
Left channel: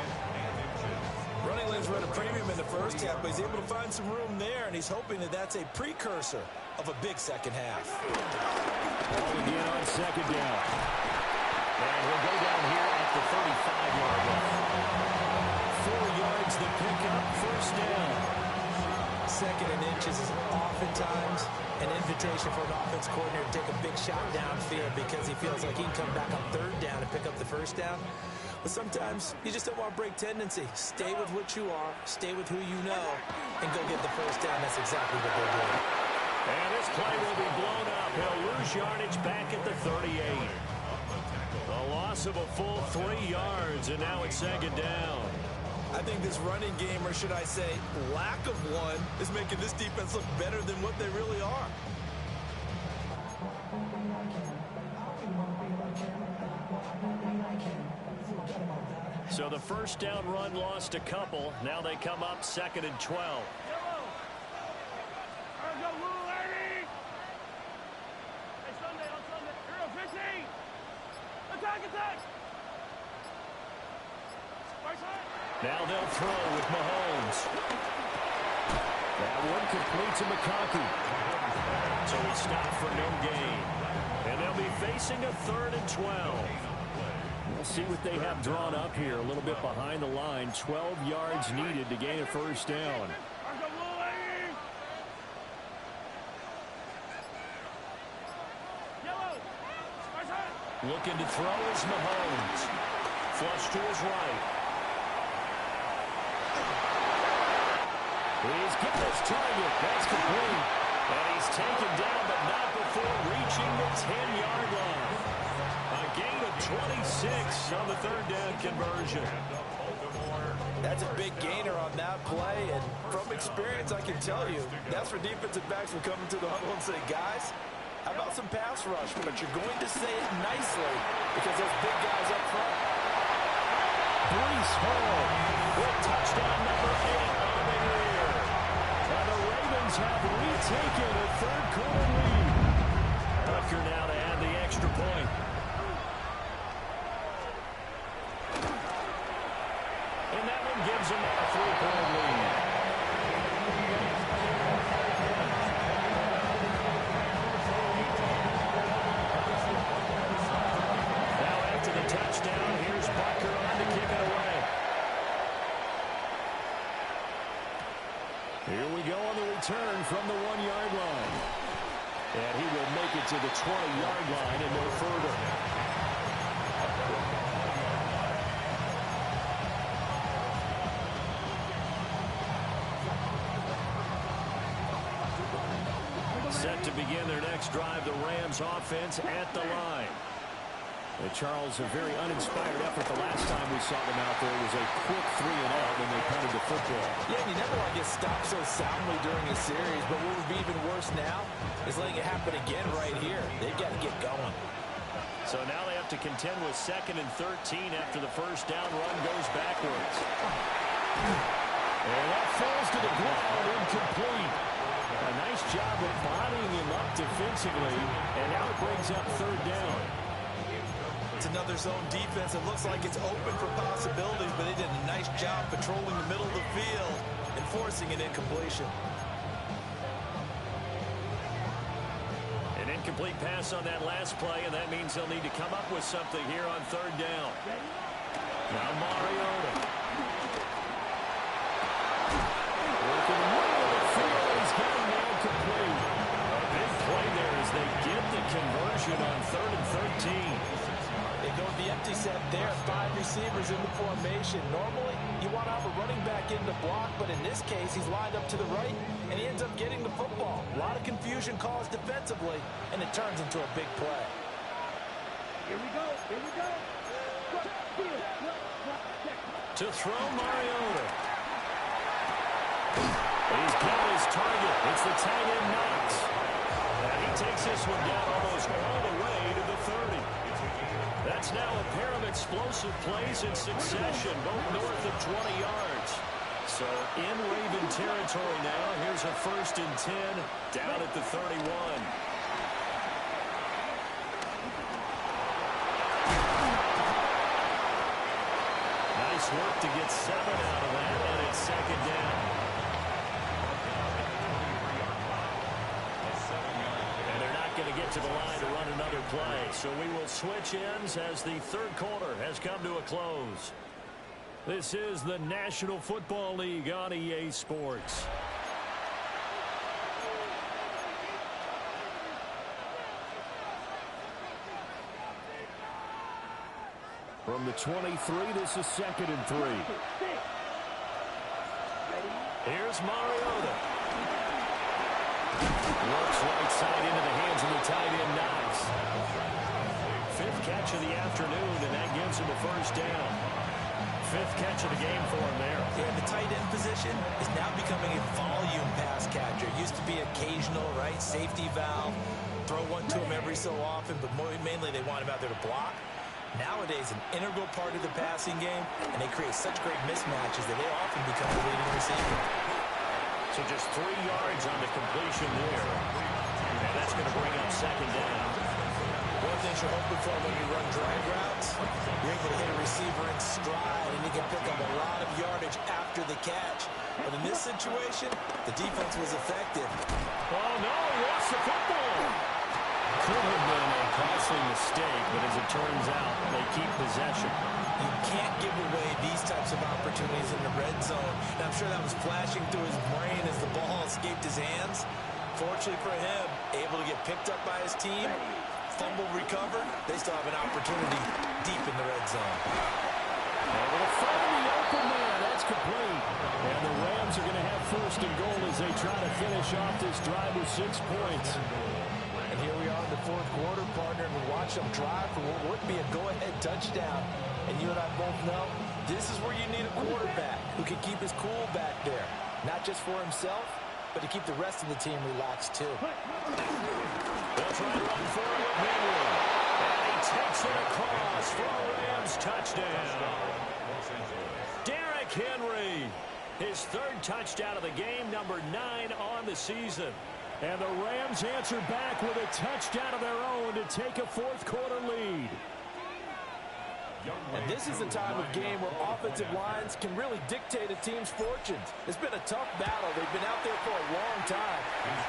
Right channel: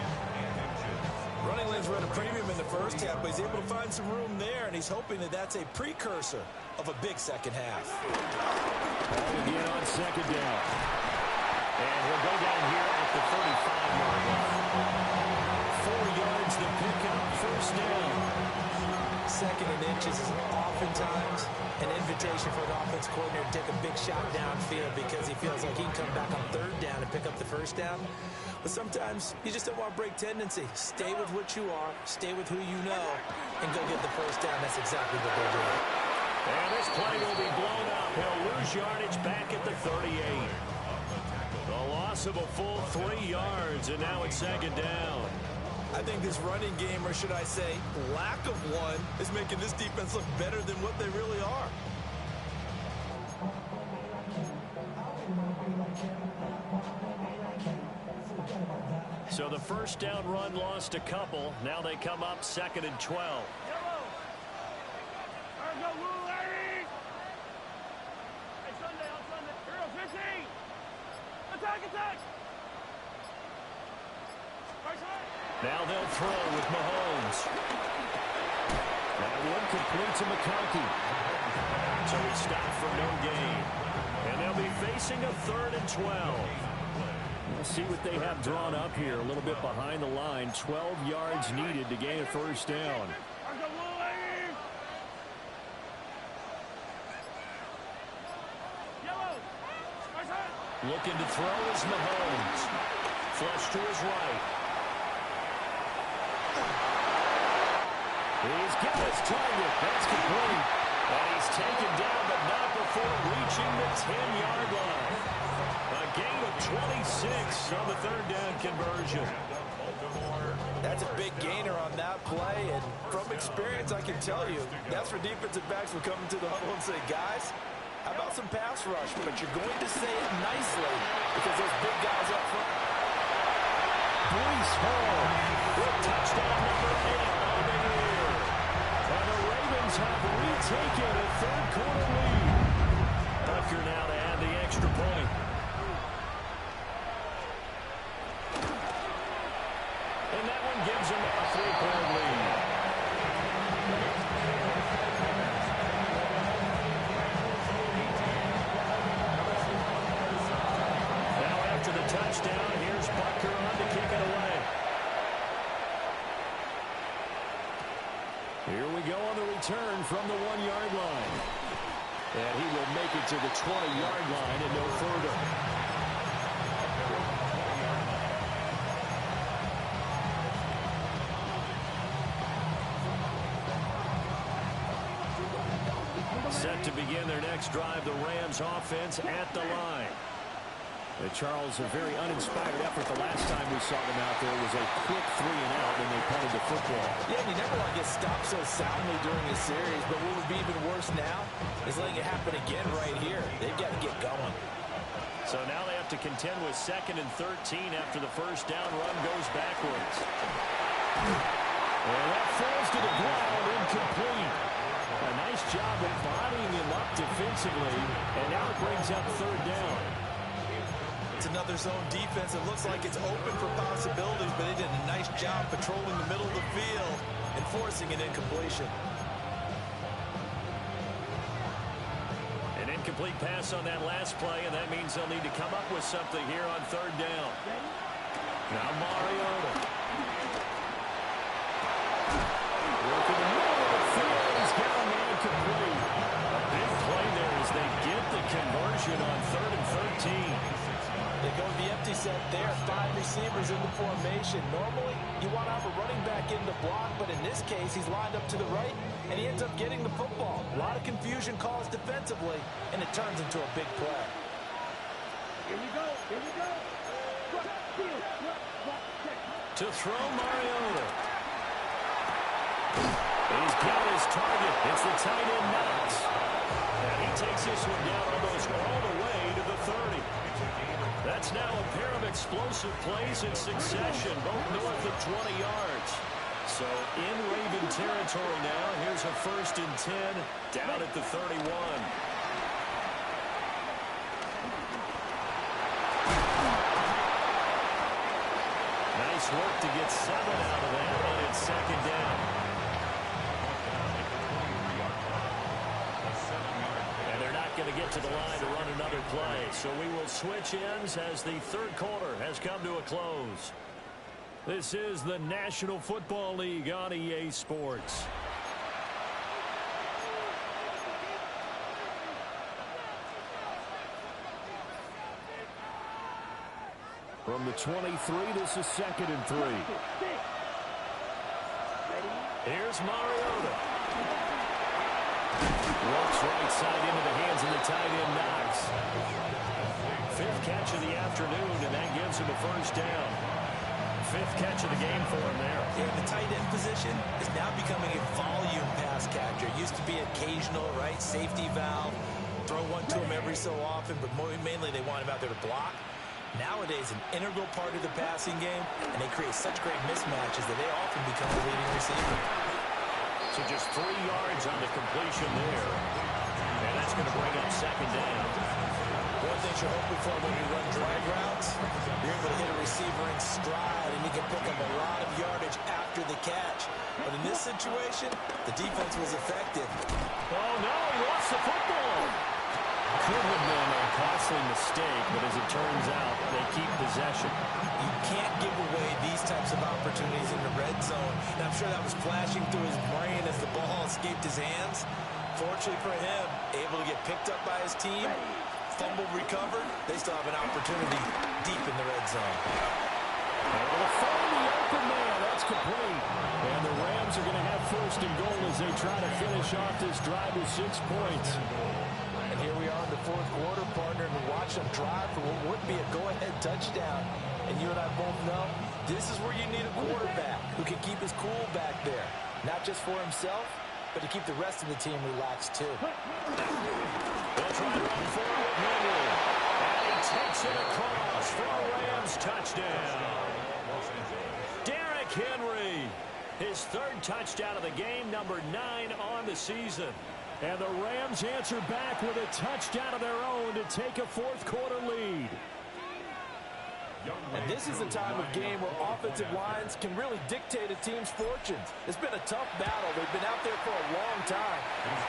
Running lanes were at a premium in the first half, but he's able to find some room there, and he's hoping that that's a precursor of a big second half. Ball again on second down. And he'll go down here at the 35-yard line. 4 yards the pickup, first down. Second and inches is oftentimes an invitation for an offense coordinator to take a big shot downfield because he feels like he can come back on third down and pick up the first down. But sometimes you just don't want to break tendency. Stay with what you are, stay with who you know, and go get the first down. That's exactly what they're doing. And this play will be blown up. He'll lose yardage back at the 38. The loss of a full 3 yards, and now it's second down. I think this running game, or should I say lack of one, is making this defense look better than what they really are. So the first down run lost a couple. Now they come up 2nd and 12. Now they'll throw with Mahomes. That one complete to McConkey. So he stopped for no gain. And they'll be facing a 3rd and 12. We'll see what they have drawn up here. A little bit behind the line. 12 yards needed to gain a first down. Looking to throw is Mahomes. Flush to his right. He's got his target. That's complete. And he's taken down, but not before reaching the 10-yard line. A gain of 26 on the 3rd down conversion. That's a big gainer on that play, and from experience, I can tell you, that's where defensive backs will come into the huddle and say, guys, how about some pass rush? But you're going to say it nicely because those big guys up front. Breece Hall with touchdown number 8 on the year. And the Ravens have retaken a 3rd quarter lead. Tucker now to add the extra point. And that one gives them a 3-point lead. Now after the touchdown, here's Butker on to kick it away. Here we go on the return from the 1-yard line. And he will make it to the 20-yard line and no further. Set to begin their next drive, the Rams offense at the line. Charles, a very uninspired effort the last time we saw them out there was a quick 3-and-out, and they punted the football. Yeah, and you never want to get stopped so soundly during a series, but what would be even worse now is letting it happen again right here. They've got to get going. So now they have to contend with 2nd and 13 after the first down run goes backwards. And that falls to the ground, incomplete. A nice job of bodying him up defensively, and now it brings up 3rd down. It's another zone defense. It looks like it's open for possibilities, but they did a nice job patrolling the middle of the field and forcing an incompletion. An incomplete pass on that last play, and that means they'll need to come up with something here on 3rd down. Now Mariota. Working the middle of the field. He's got a man complete. A big play there as they get the conversion on 3rd and 13. They go with the empty set there. 5 receivers in the formation. Normally, you want to have a running back in the block, but in this case, he's lined up to the right, and he ends up getting the football. A lot of confusion caused defensively, and it turns into a big play. Here we go. Here we go. To throw Mariota. He's got his target. It's the tight end Knox. And he takes this one down almost all the way to the 30. That's now a pair of explosive plays in succession, both north of 20 yards. So in Raven territory now, here's a 1st and 10 down at the 31. Nice work to get 7 out of that, and it's second down. And they're not going to get to the line to run another play. So we will switch ends as the third quarter has come to a close. This is the National Football League on EA Sports. From the 23, this is 2nd and 3. Here's Mariota. Works right side into the hands of the tight end, Knox. 5th catch of the afternoon, and that gives him a first down. 5th catch of the game for him there. Yeah, the tight end position is now becoming a volume pass catcher. It used to be occasional, right? Safety valve. Throw one to him every so often, but mainly they want him out there to block. Nowadays, an integral part of the passing game, and they create such great mismatches that they often become the leading receiver. So just 3 yards on the completion there. And that's going to bring up second down. One thing you're hoping for when you run drag routes, you're able to hit a receiver in stride, and you can pick up a lot of yardage after the catch. But in this situation, the defense was effective. Oh, no, he lost the football. Could have been a costly mistake, but as it turns out, they keep possession. You can't give away these types of opportunities in the red zone. And I'm sure that was flashing through his brain as the ball escaped his hands. Fortunately for him, able to get picked up by his team, fumble recovered. They still have an opportunity deep in the red zone. Able to find the open man. That's complete. And the Rams are going to have 1st and goal as they try to finish off this drive with 6 points. And here we are in the 4th quarter, partner, and watch them drive for what would be a go-ahead touchdown. And you and I both know this is where you need a quarterback who can keep his cool back there. Not just for himself, but to keep the rest of the team relaxed, too. They'll try to run forward with Henry. And he takes it across for a Rams touchdown. Derrick Henry, his 3rd touchdown of the game, number 9 on the season. And the Rams answer back with a touchdown of their own to take a 4th quarter lead. And this is the time of game where offensive lines can really dictate a team's fortunes. It's been a tough battle. They've been out there for a long time.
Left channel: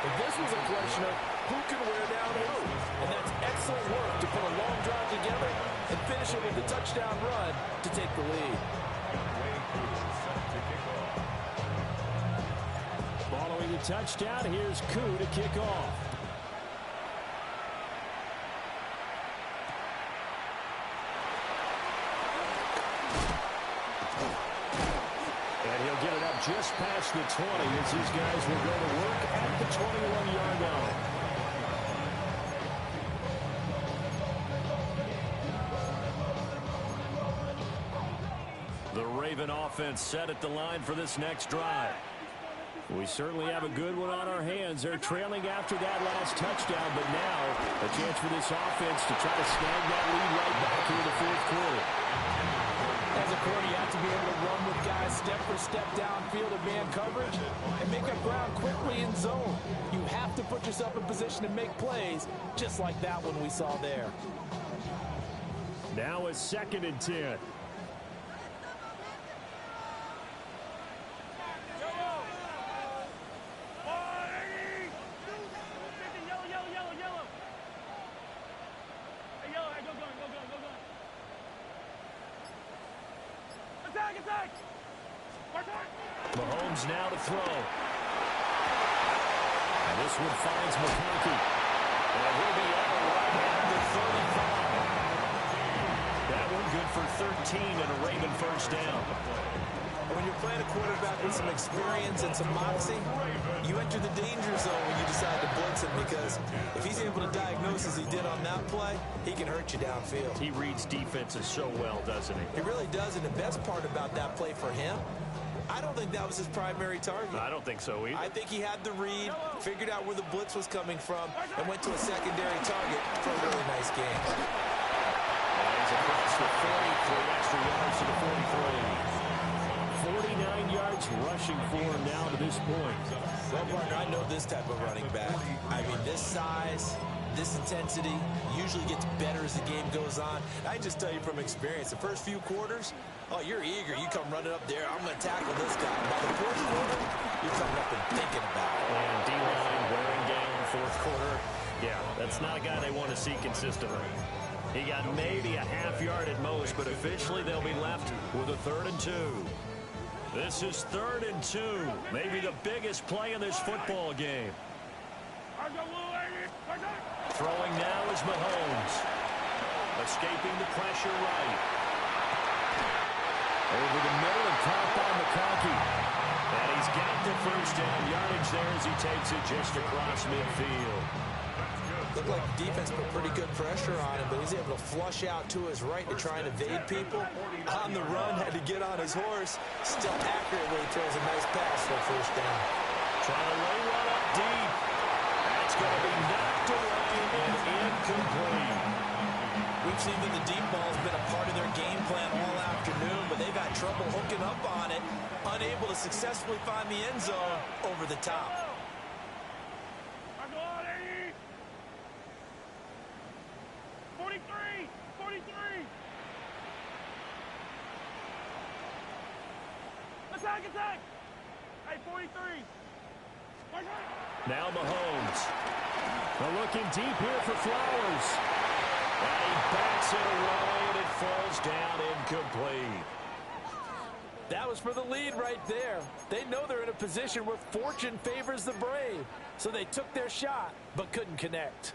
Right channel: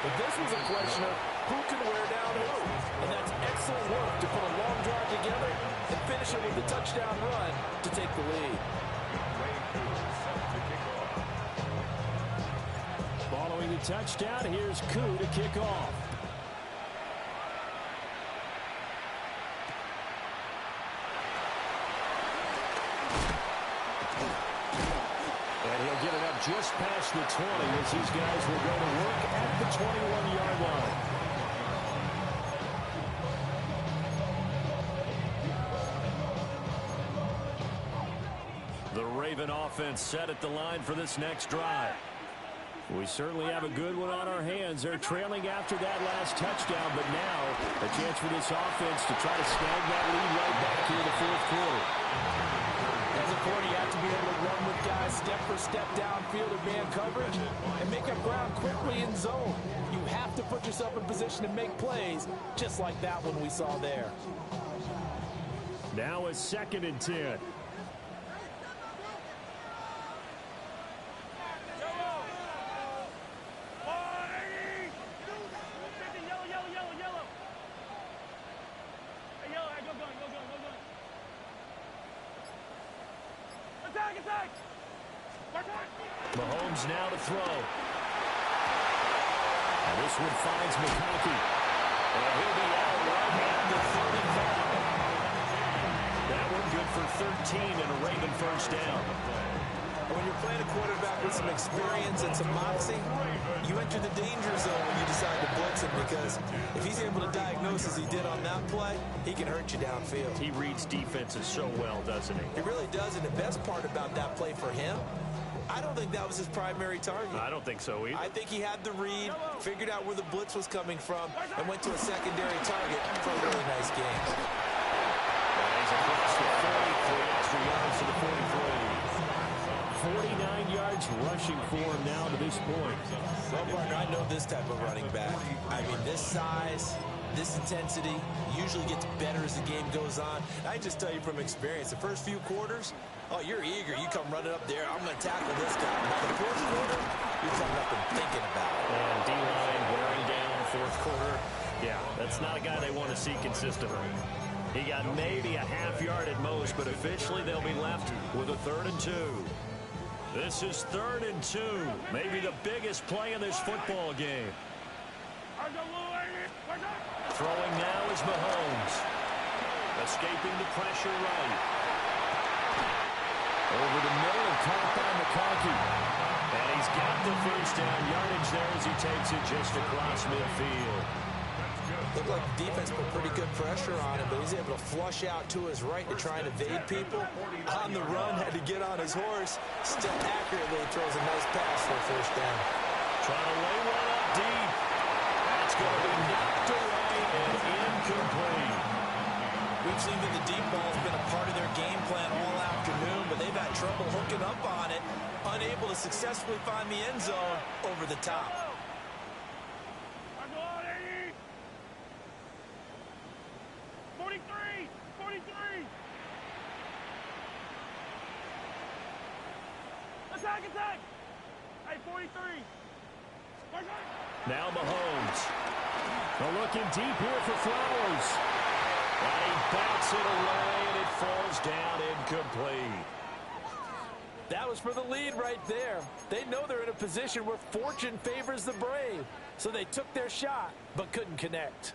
But this was a question of who can wear down who. And that's excellent work to put a long drive together and finish it with a touchdown run to take the lead. Following the touchdown, here's Koo to kick off. And he'll get it up just past the 20 as these guys will go to work at the 21-yard line. The Raven offense set at the line for this next drive. We certainly have a good one on our hands. They're trailing after that last touchdown, but now a chance for this offense to try to snag that lead right back here in the 4th quarter. As a quarter, you have to be able to run with guys step for step downfield in man coverage and make up ground quickly in zone. You have to put yourself in position to make plays, just like that one we saw there. Now a 2nd and 10. Mahomes now to throw. And this one finds McConkey. And he'll be out right at the 35. That one good for 13 and a Raven first down. When you're playing a quarterback with some experience and some moxie, you enter the danger zone when you decide to blitz him, because if he's able to diagnose as he did on that play, he can hurt you downfield. He reads defenses so well, doesn't he? He really does, and the best part about that play for him, I don't think that was his primary target. I don't think so either. I think he had the read, figured out where the blitz was coming from, and went to a secondary target for a really nice game. And he's across the 40, 3 extra yards to the 43. 49 yards rushing for him now to this point. Well, partner, I know this type of running back. I mean, this size, this intensity usually gets better as the game goes on. I just tell you from experience, the first few quarters, oh, you're eager. You come running up there. I'm going to tackle this guy. By the fourth quarter, you're coming up and thinking about it. And D-line wearing down fourth quarter. Yeah, that's not a guy they want to see consistently. He got maybe a half yard at most, but officially they'll be left with a 3rd and 2. This is 3rd and 2. Maybe the biggest play in this football game. Throwing now is Mahomes. Escaping the pressure right. Over the middle and caught by McConkey. And he's got the first down yardage there as he takes it just across midfield. Looked like the defense put pretty good pressure on him, but he's able to flush out to his right to try and evade people. On the run, had to get on his horse. Still accurately throws a nice pass for a first down. Trying to lay one up deep. That's going to be knocked away and incomplete. We've seen that the deep ball has been a part of their game plan all afternoon, but they've had trouble hooking up on it, unable to successfully find the end zone over the top. 43! Attack! Hey, 43! Now Mahomes. Looking deep here for Flowers. And he bats it away, and it falls down incomplete. That was for the lead right there. They know they're in a position where fortune favors the brave. So they took their shot, but couldn't connect.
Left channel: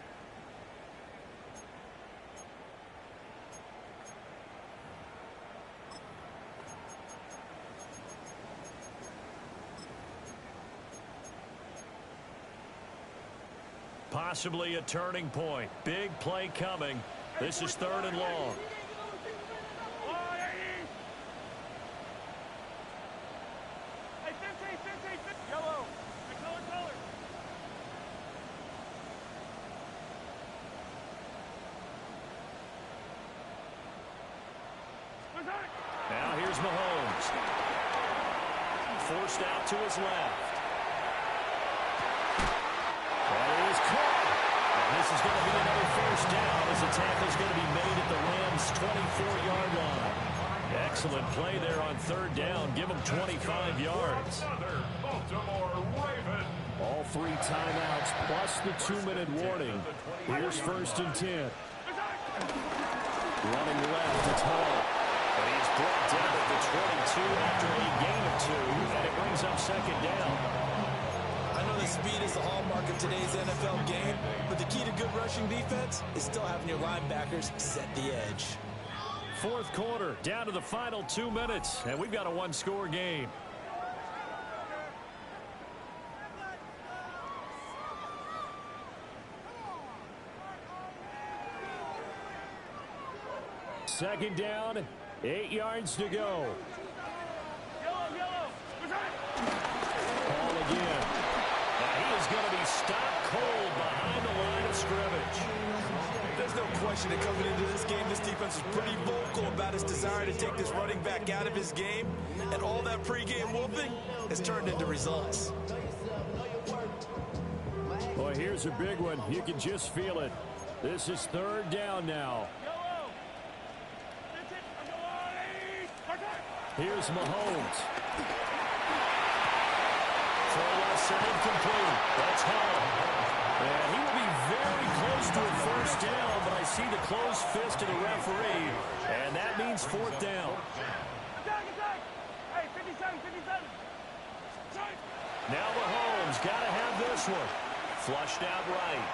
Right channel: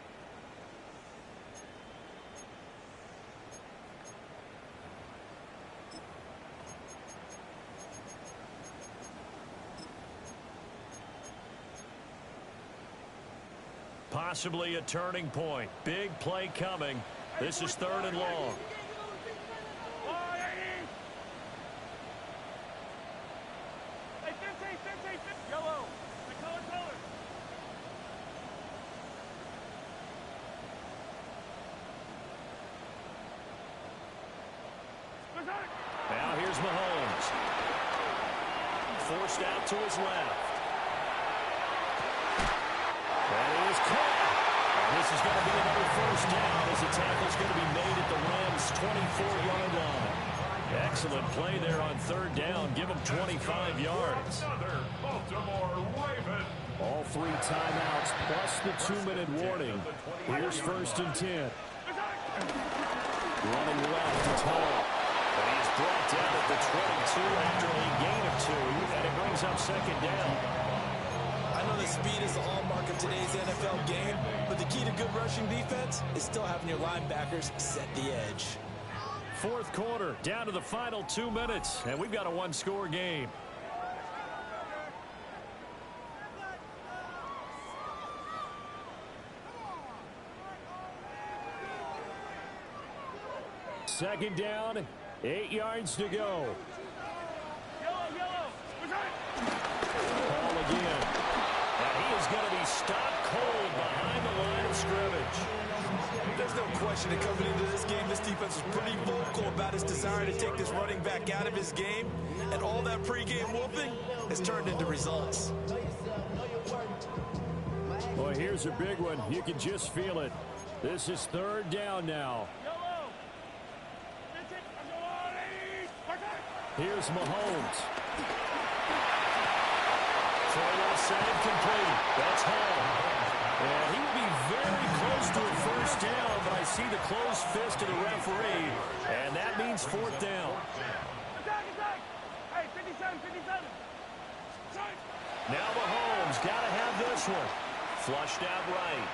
Possibly a turning point. Big play coming. This is 3rd and long. Hey, 15, yellow. Color. Now here's Mahomes. Forced out to his left. That is caught. And this is going to be another first down as the tackle's going to be made at the Rams' 24-yard line. Excellent play there on 3rd down. Give them 25 yards. All 3 timeouts plus the 2-minute warning. Here's 1st and 10. Running left, it's Hall. And he is brought down at the 22 after a gain of 2, and it brings up 2nd down. I know that speed is the hallmark of today's NFL game, but the key to good rushing defense is still having your linebackers set the edge. 4th quarter, down to the final 2 minutes, and we've got a 1-score game. Second down, 8 yards to go. Yellow. Ball again. And he is going to be stopped cold behind the line of scrimmage. There's no question that coming into this game, this defense was pretty vocal about its desire to take this running back out of his game. And all that pregame wolfing has turned into results. Boy, here's a big one. You can just feel it. This is 3rd down now. Here's Mahomes. Throw left side complete. That's Hall. And he will be very close to a first down, but I see the closed fist of the referee, and that means 4th down. Attack! Hey, 57. Now Mahomes got to have this one. Flushed out right.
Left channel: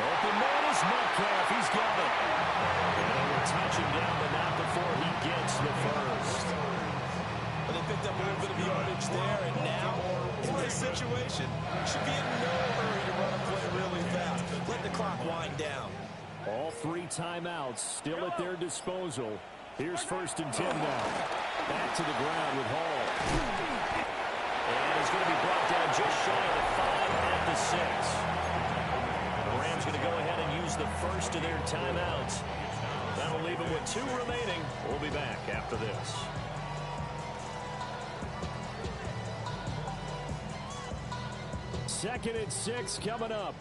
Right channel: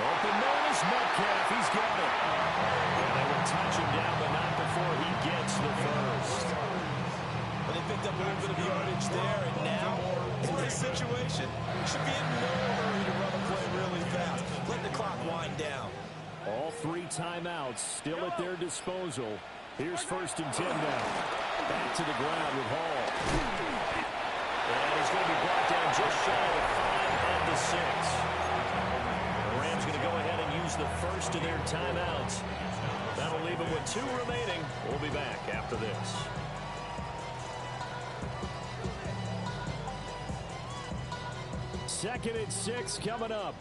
Open man is Metcalf. He's got it. And they will touch him down, but not before he gets the first. But they picked up a little bit of yardage there, and now, in this situation, should be in no hurry to run a play really fast. Let the clock wind down. All 3 timeouts still at their disposal. Here's 1st and 10 now. Back to the ground with Hall. And he's going to be brought down just shy of the 5 at the 6. The Rams going to go ahead and use the first of their timeouts. That'll leave them with 2 remaining. We'll be back after this. 2nd and 6 coming up.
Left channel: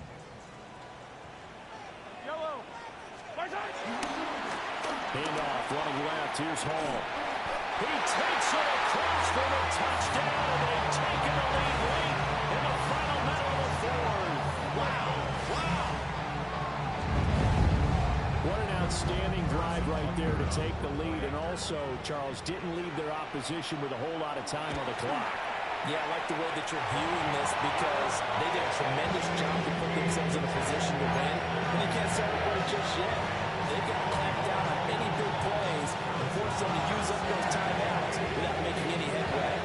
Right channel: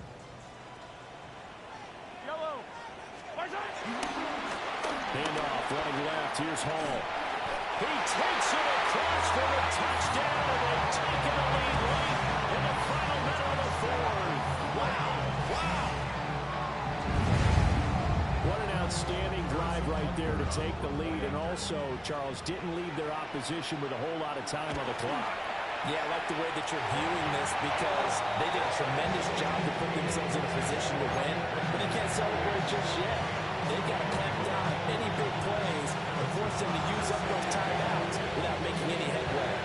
Yellow. Handoff running left. Here's Hall. He takes it across for the touchdown, and they've taken the lead late in the final minute of the fourth. Wow. What an outstanding drive right there to take the lead, and also, Charles, didn't leave their opposition with a whole lot of time on the clock. Yeah, I like the way that you're viewing this because they did a tremendous job to put themselves in a position to win, but they can't celebrate just yet. They've got to clamp down on any big plays and force them to use up those timeouts without making any headway.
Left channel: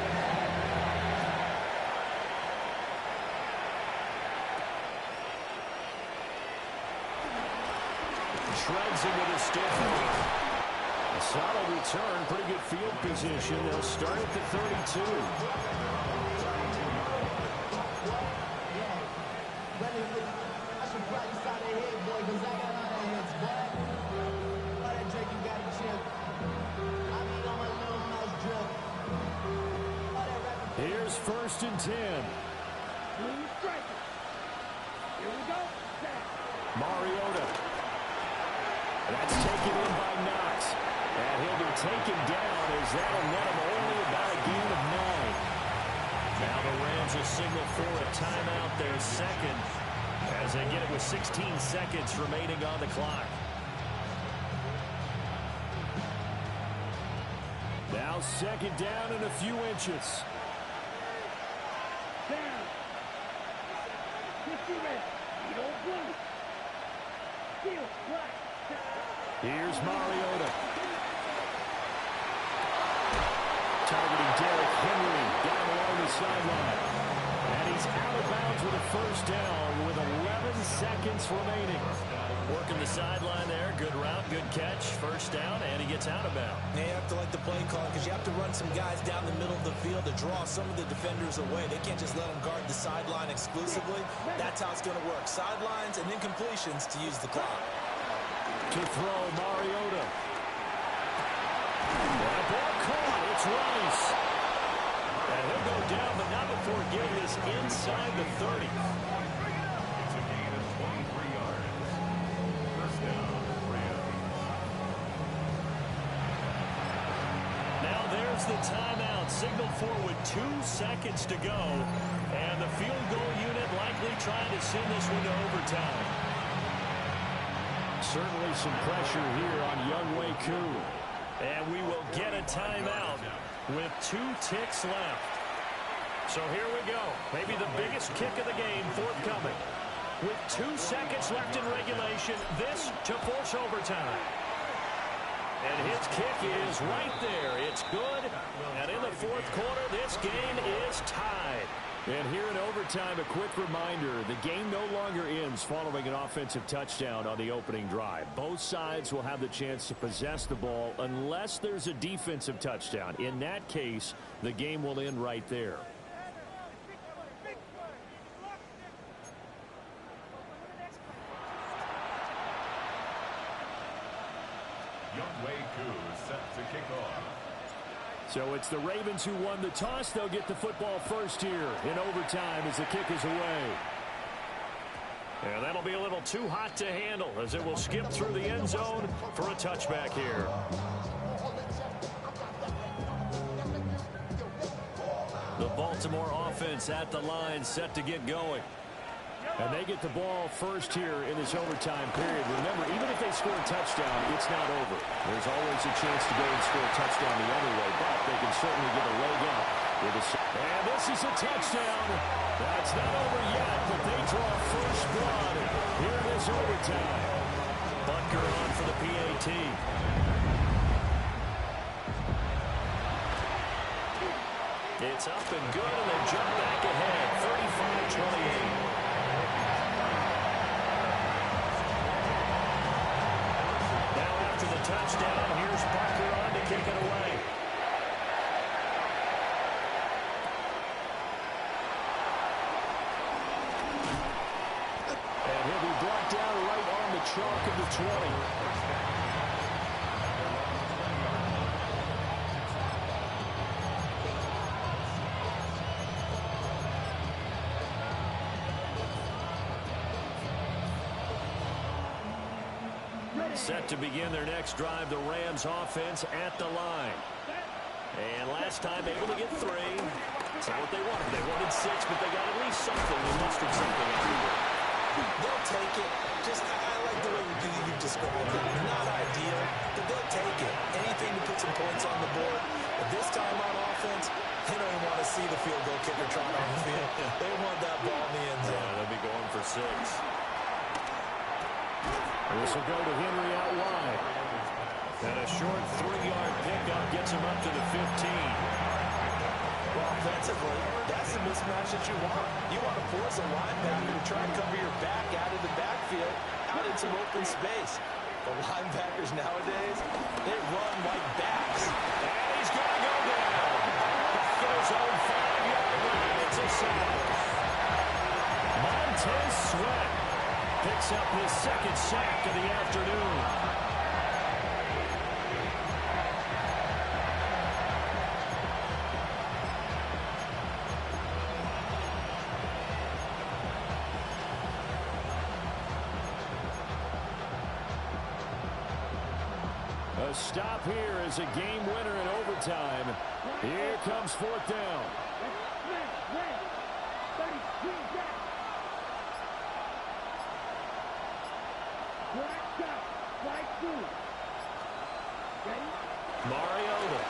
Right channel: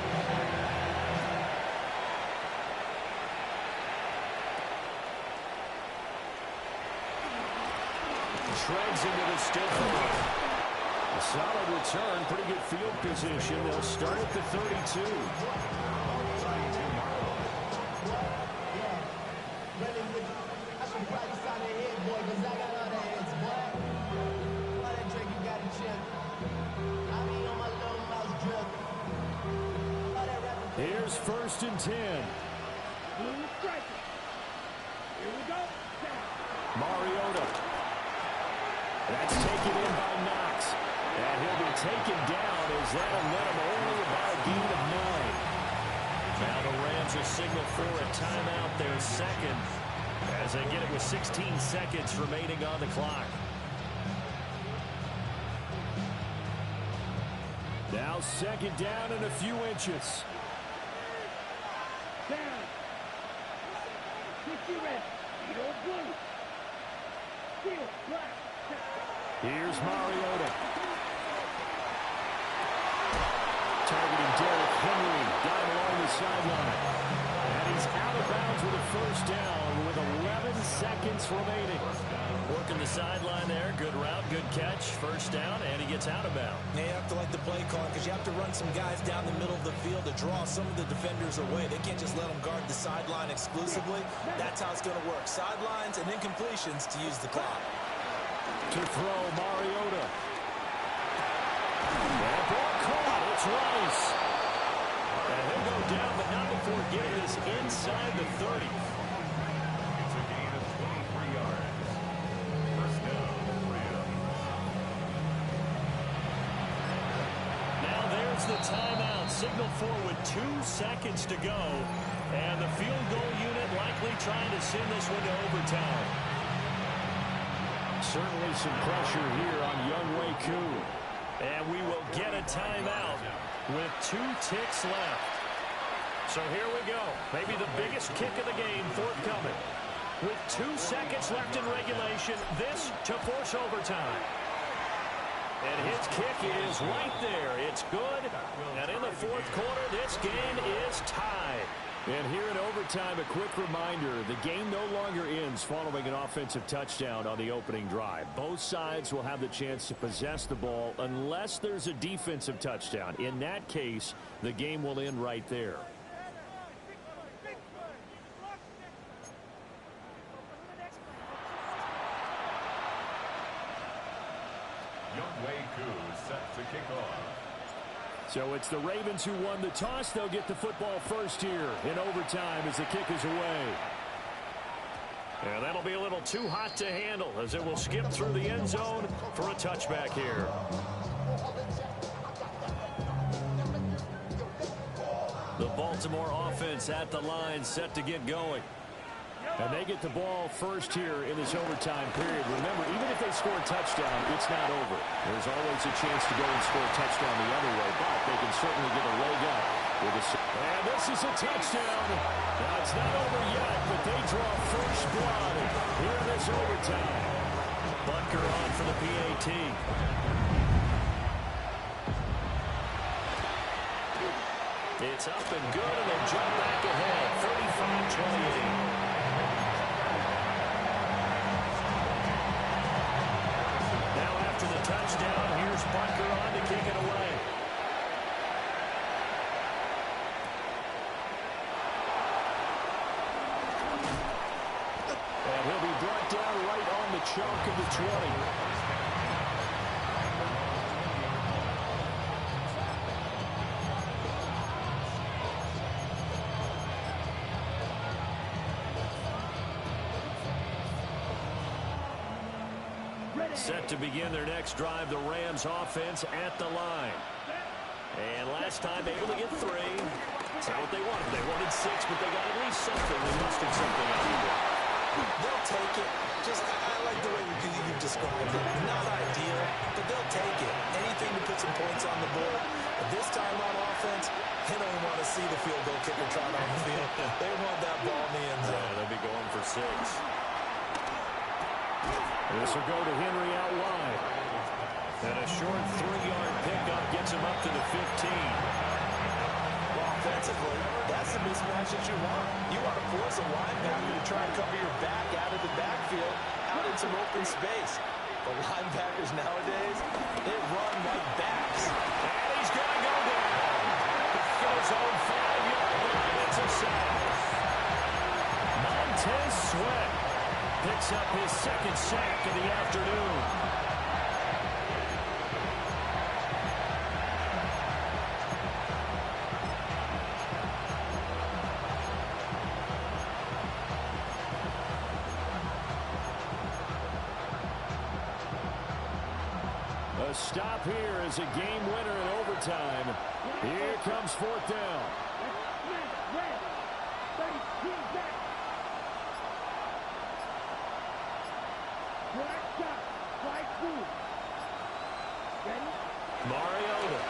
Shreds him with a stiff arm. A solid return, pretty good field position. They'll start at the 32. I should probably sign a head, boy, because I got all the heads, boy. All that drink, you got a chip. I be on my little mouse drip. All that rapping. Here's 1st and 10. Blue striker. Here we go. Mariota. That's taken in by Knox. And he'll be taken down as that'll net him only about a gain of 9. Now the Rams will signal for a timeout, their second, as they get it with 16 seconds remaining on the clock. Now 2nd down and a few inches. Down. 50 red. Beat old blue. Steel black. Here's Mariota. Targeting Derrick Henry. Got him along the sideline. And he's out of bounds with a 1st down with 11 seconds remaining. Working the sideline there. Good route, good catch. 1st down, and he gets out of bounds. Now you have to like the play call because you have to run some guys down the middle of the field to draw some of the defenders away. They can't just let them guard the sideline exclusively. That's how it's going to work. Sidelines and then completions to use the clock. To throw, Mariota. That ball caught. It's Rice. And he'll go down, but not before getting this inside the 30. It's a gain of 23 yards. 1st down, Rams. Now there's the timeout. Signaled for with 2 seconds to go. And the field goal unit likely trying to send this one to overtime. Certainly some pressure here on Younghoe Koo. And we will get a timeout with 2 ticks left. So here we go. Maybe the biggest kick of the game forthcoming. With 2 seconds left in regulation, this to force overtime. And his kick is right there. It's good. And in the 4th quarter, this game is tied. And here in overtime, a quick reminder, the game no longer ends following an offensive touchdown on the opening drive. Both sides will have the chance to possess the ball unless there's a defensive touchdown. In that case, the game will end right there. Younghoe Koo set to kick off. So it's the Ravens who won the toss. They'll get the football first here in overtime as the kick is away. And that'll be a little too hot to handle as it will skip through the end zone for a touchback here. The Baltimore offense at the line set to get going. And they get the ball first here in this overtime period. Remember, even if they score a touchdown, it's not over. There's always a chance to go and score a touchdown the other way, but they can certainly get a leg up with a... And this is a touchdown. Now, it's not over yet, but they draw first blood here in this overtime. Butker on for the PAT. It's up and good, and they jump back ahead, 35-28. After the touchdown, here's Butker on to kick it away. And he'll be brought down right on the chalk of the 20. Set to begin their next drive, the Rams offense at the line. And last time able to get 3. It's not what they wanted. They wanted 6, but they got at least something. They mustered something out of it. They'll take it. I like the way you've described it. Not ideal, but they'll take it. Anything to put some points on the board. But this time on offense, they don't even want to see the field goal kicker trot on the field. They want that ball in the end zone. Yeah, they'll be going for 6. This will go to Henry out wide. And a short 3-yard pickup gets him up to the 15. Well, offensively, that's the mismatch that you want. You want to force a linebacker to try and cover your back out of the backfield, out in some open space. The linebackers nowadays, they run like backs. And he's going to go down. Back at his own 5-yard line. It's a sack. Montez Sweat picks up his 2nd sack of the afternoon. A stop here is a game winner in overtime. Here comes 4th down. Mariota.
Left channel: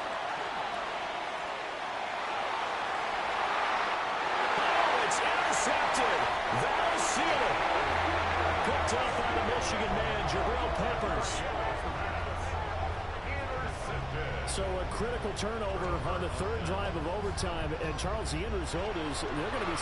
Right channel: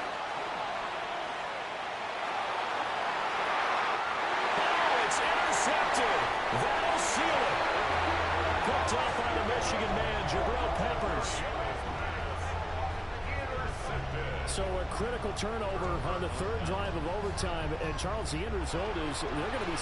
Oh, it's intercepted. That'll seal it. Picked up by the Michigan man, Jabril Peppers. So a critical turnover on the 3rd drive of overtime. And, Charles, the end result is they're going to be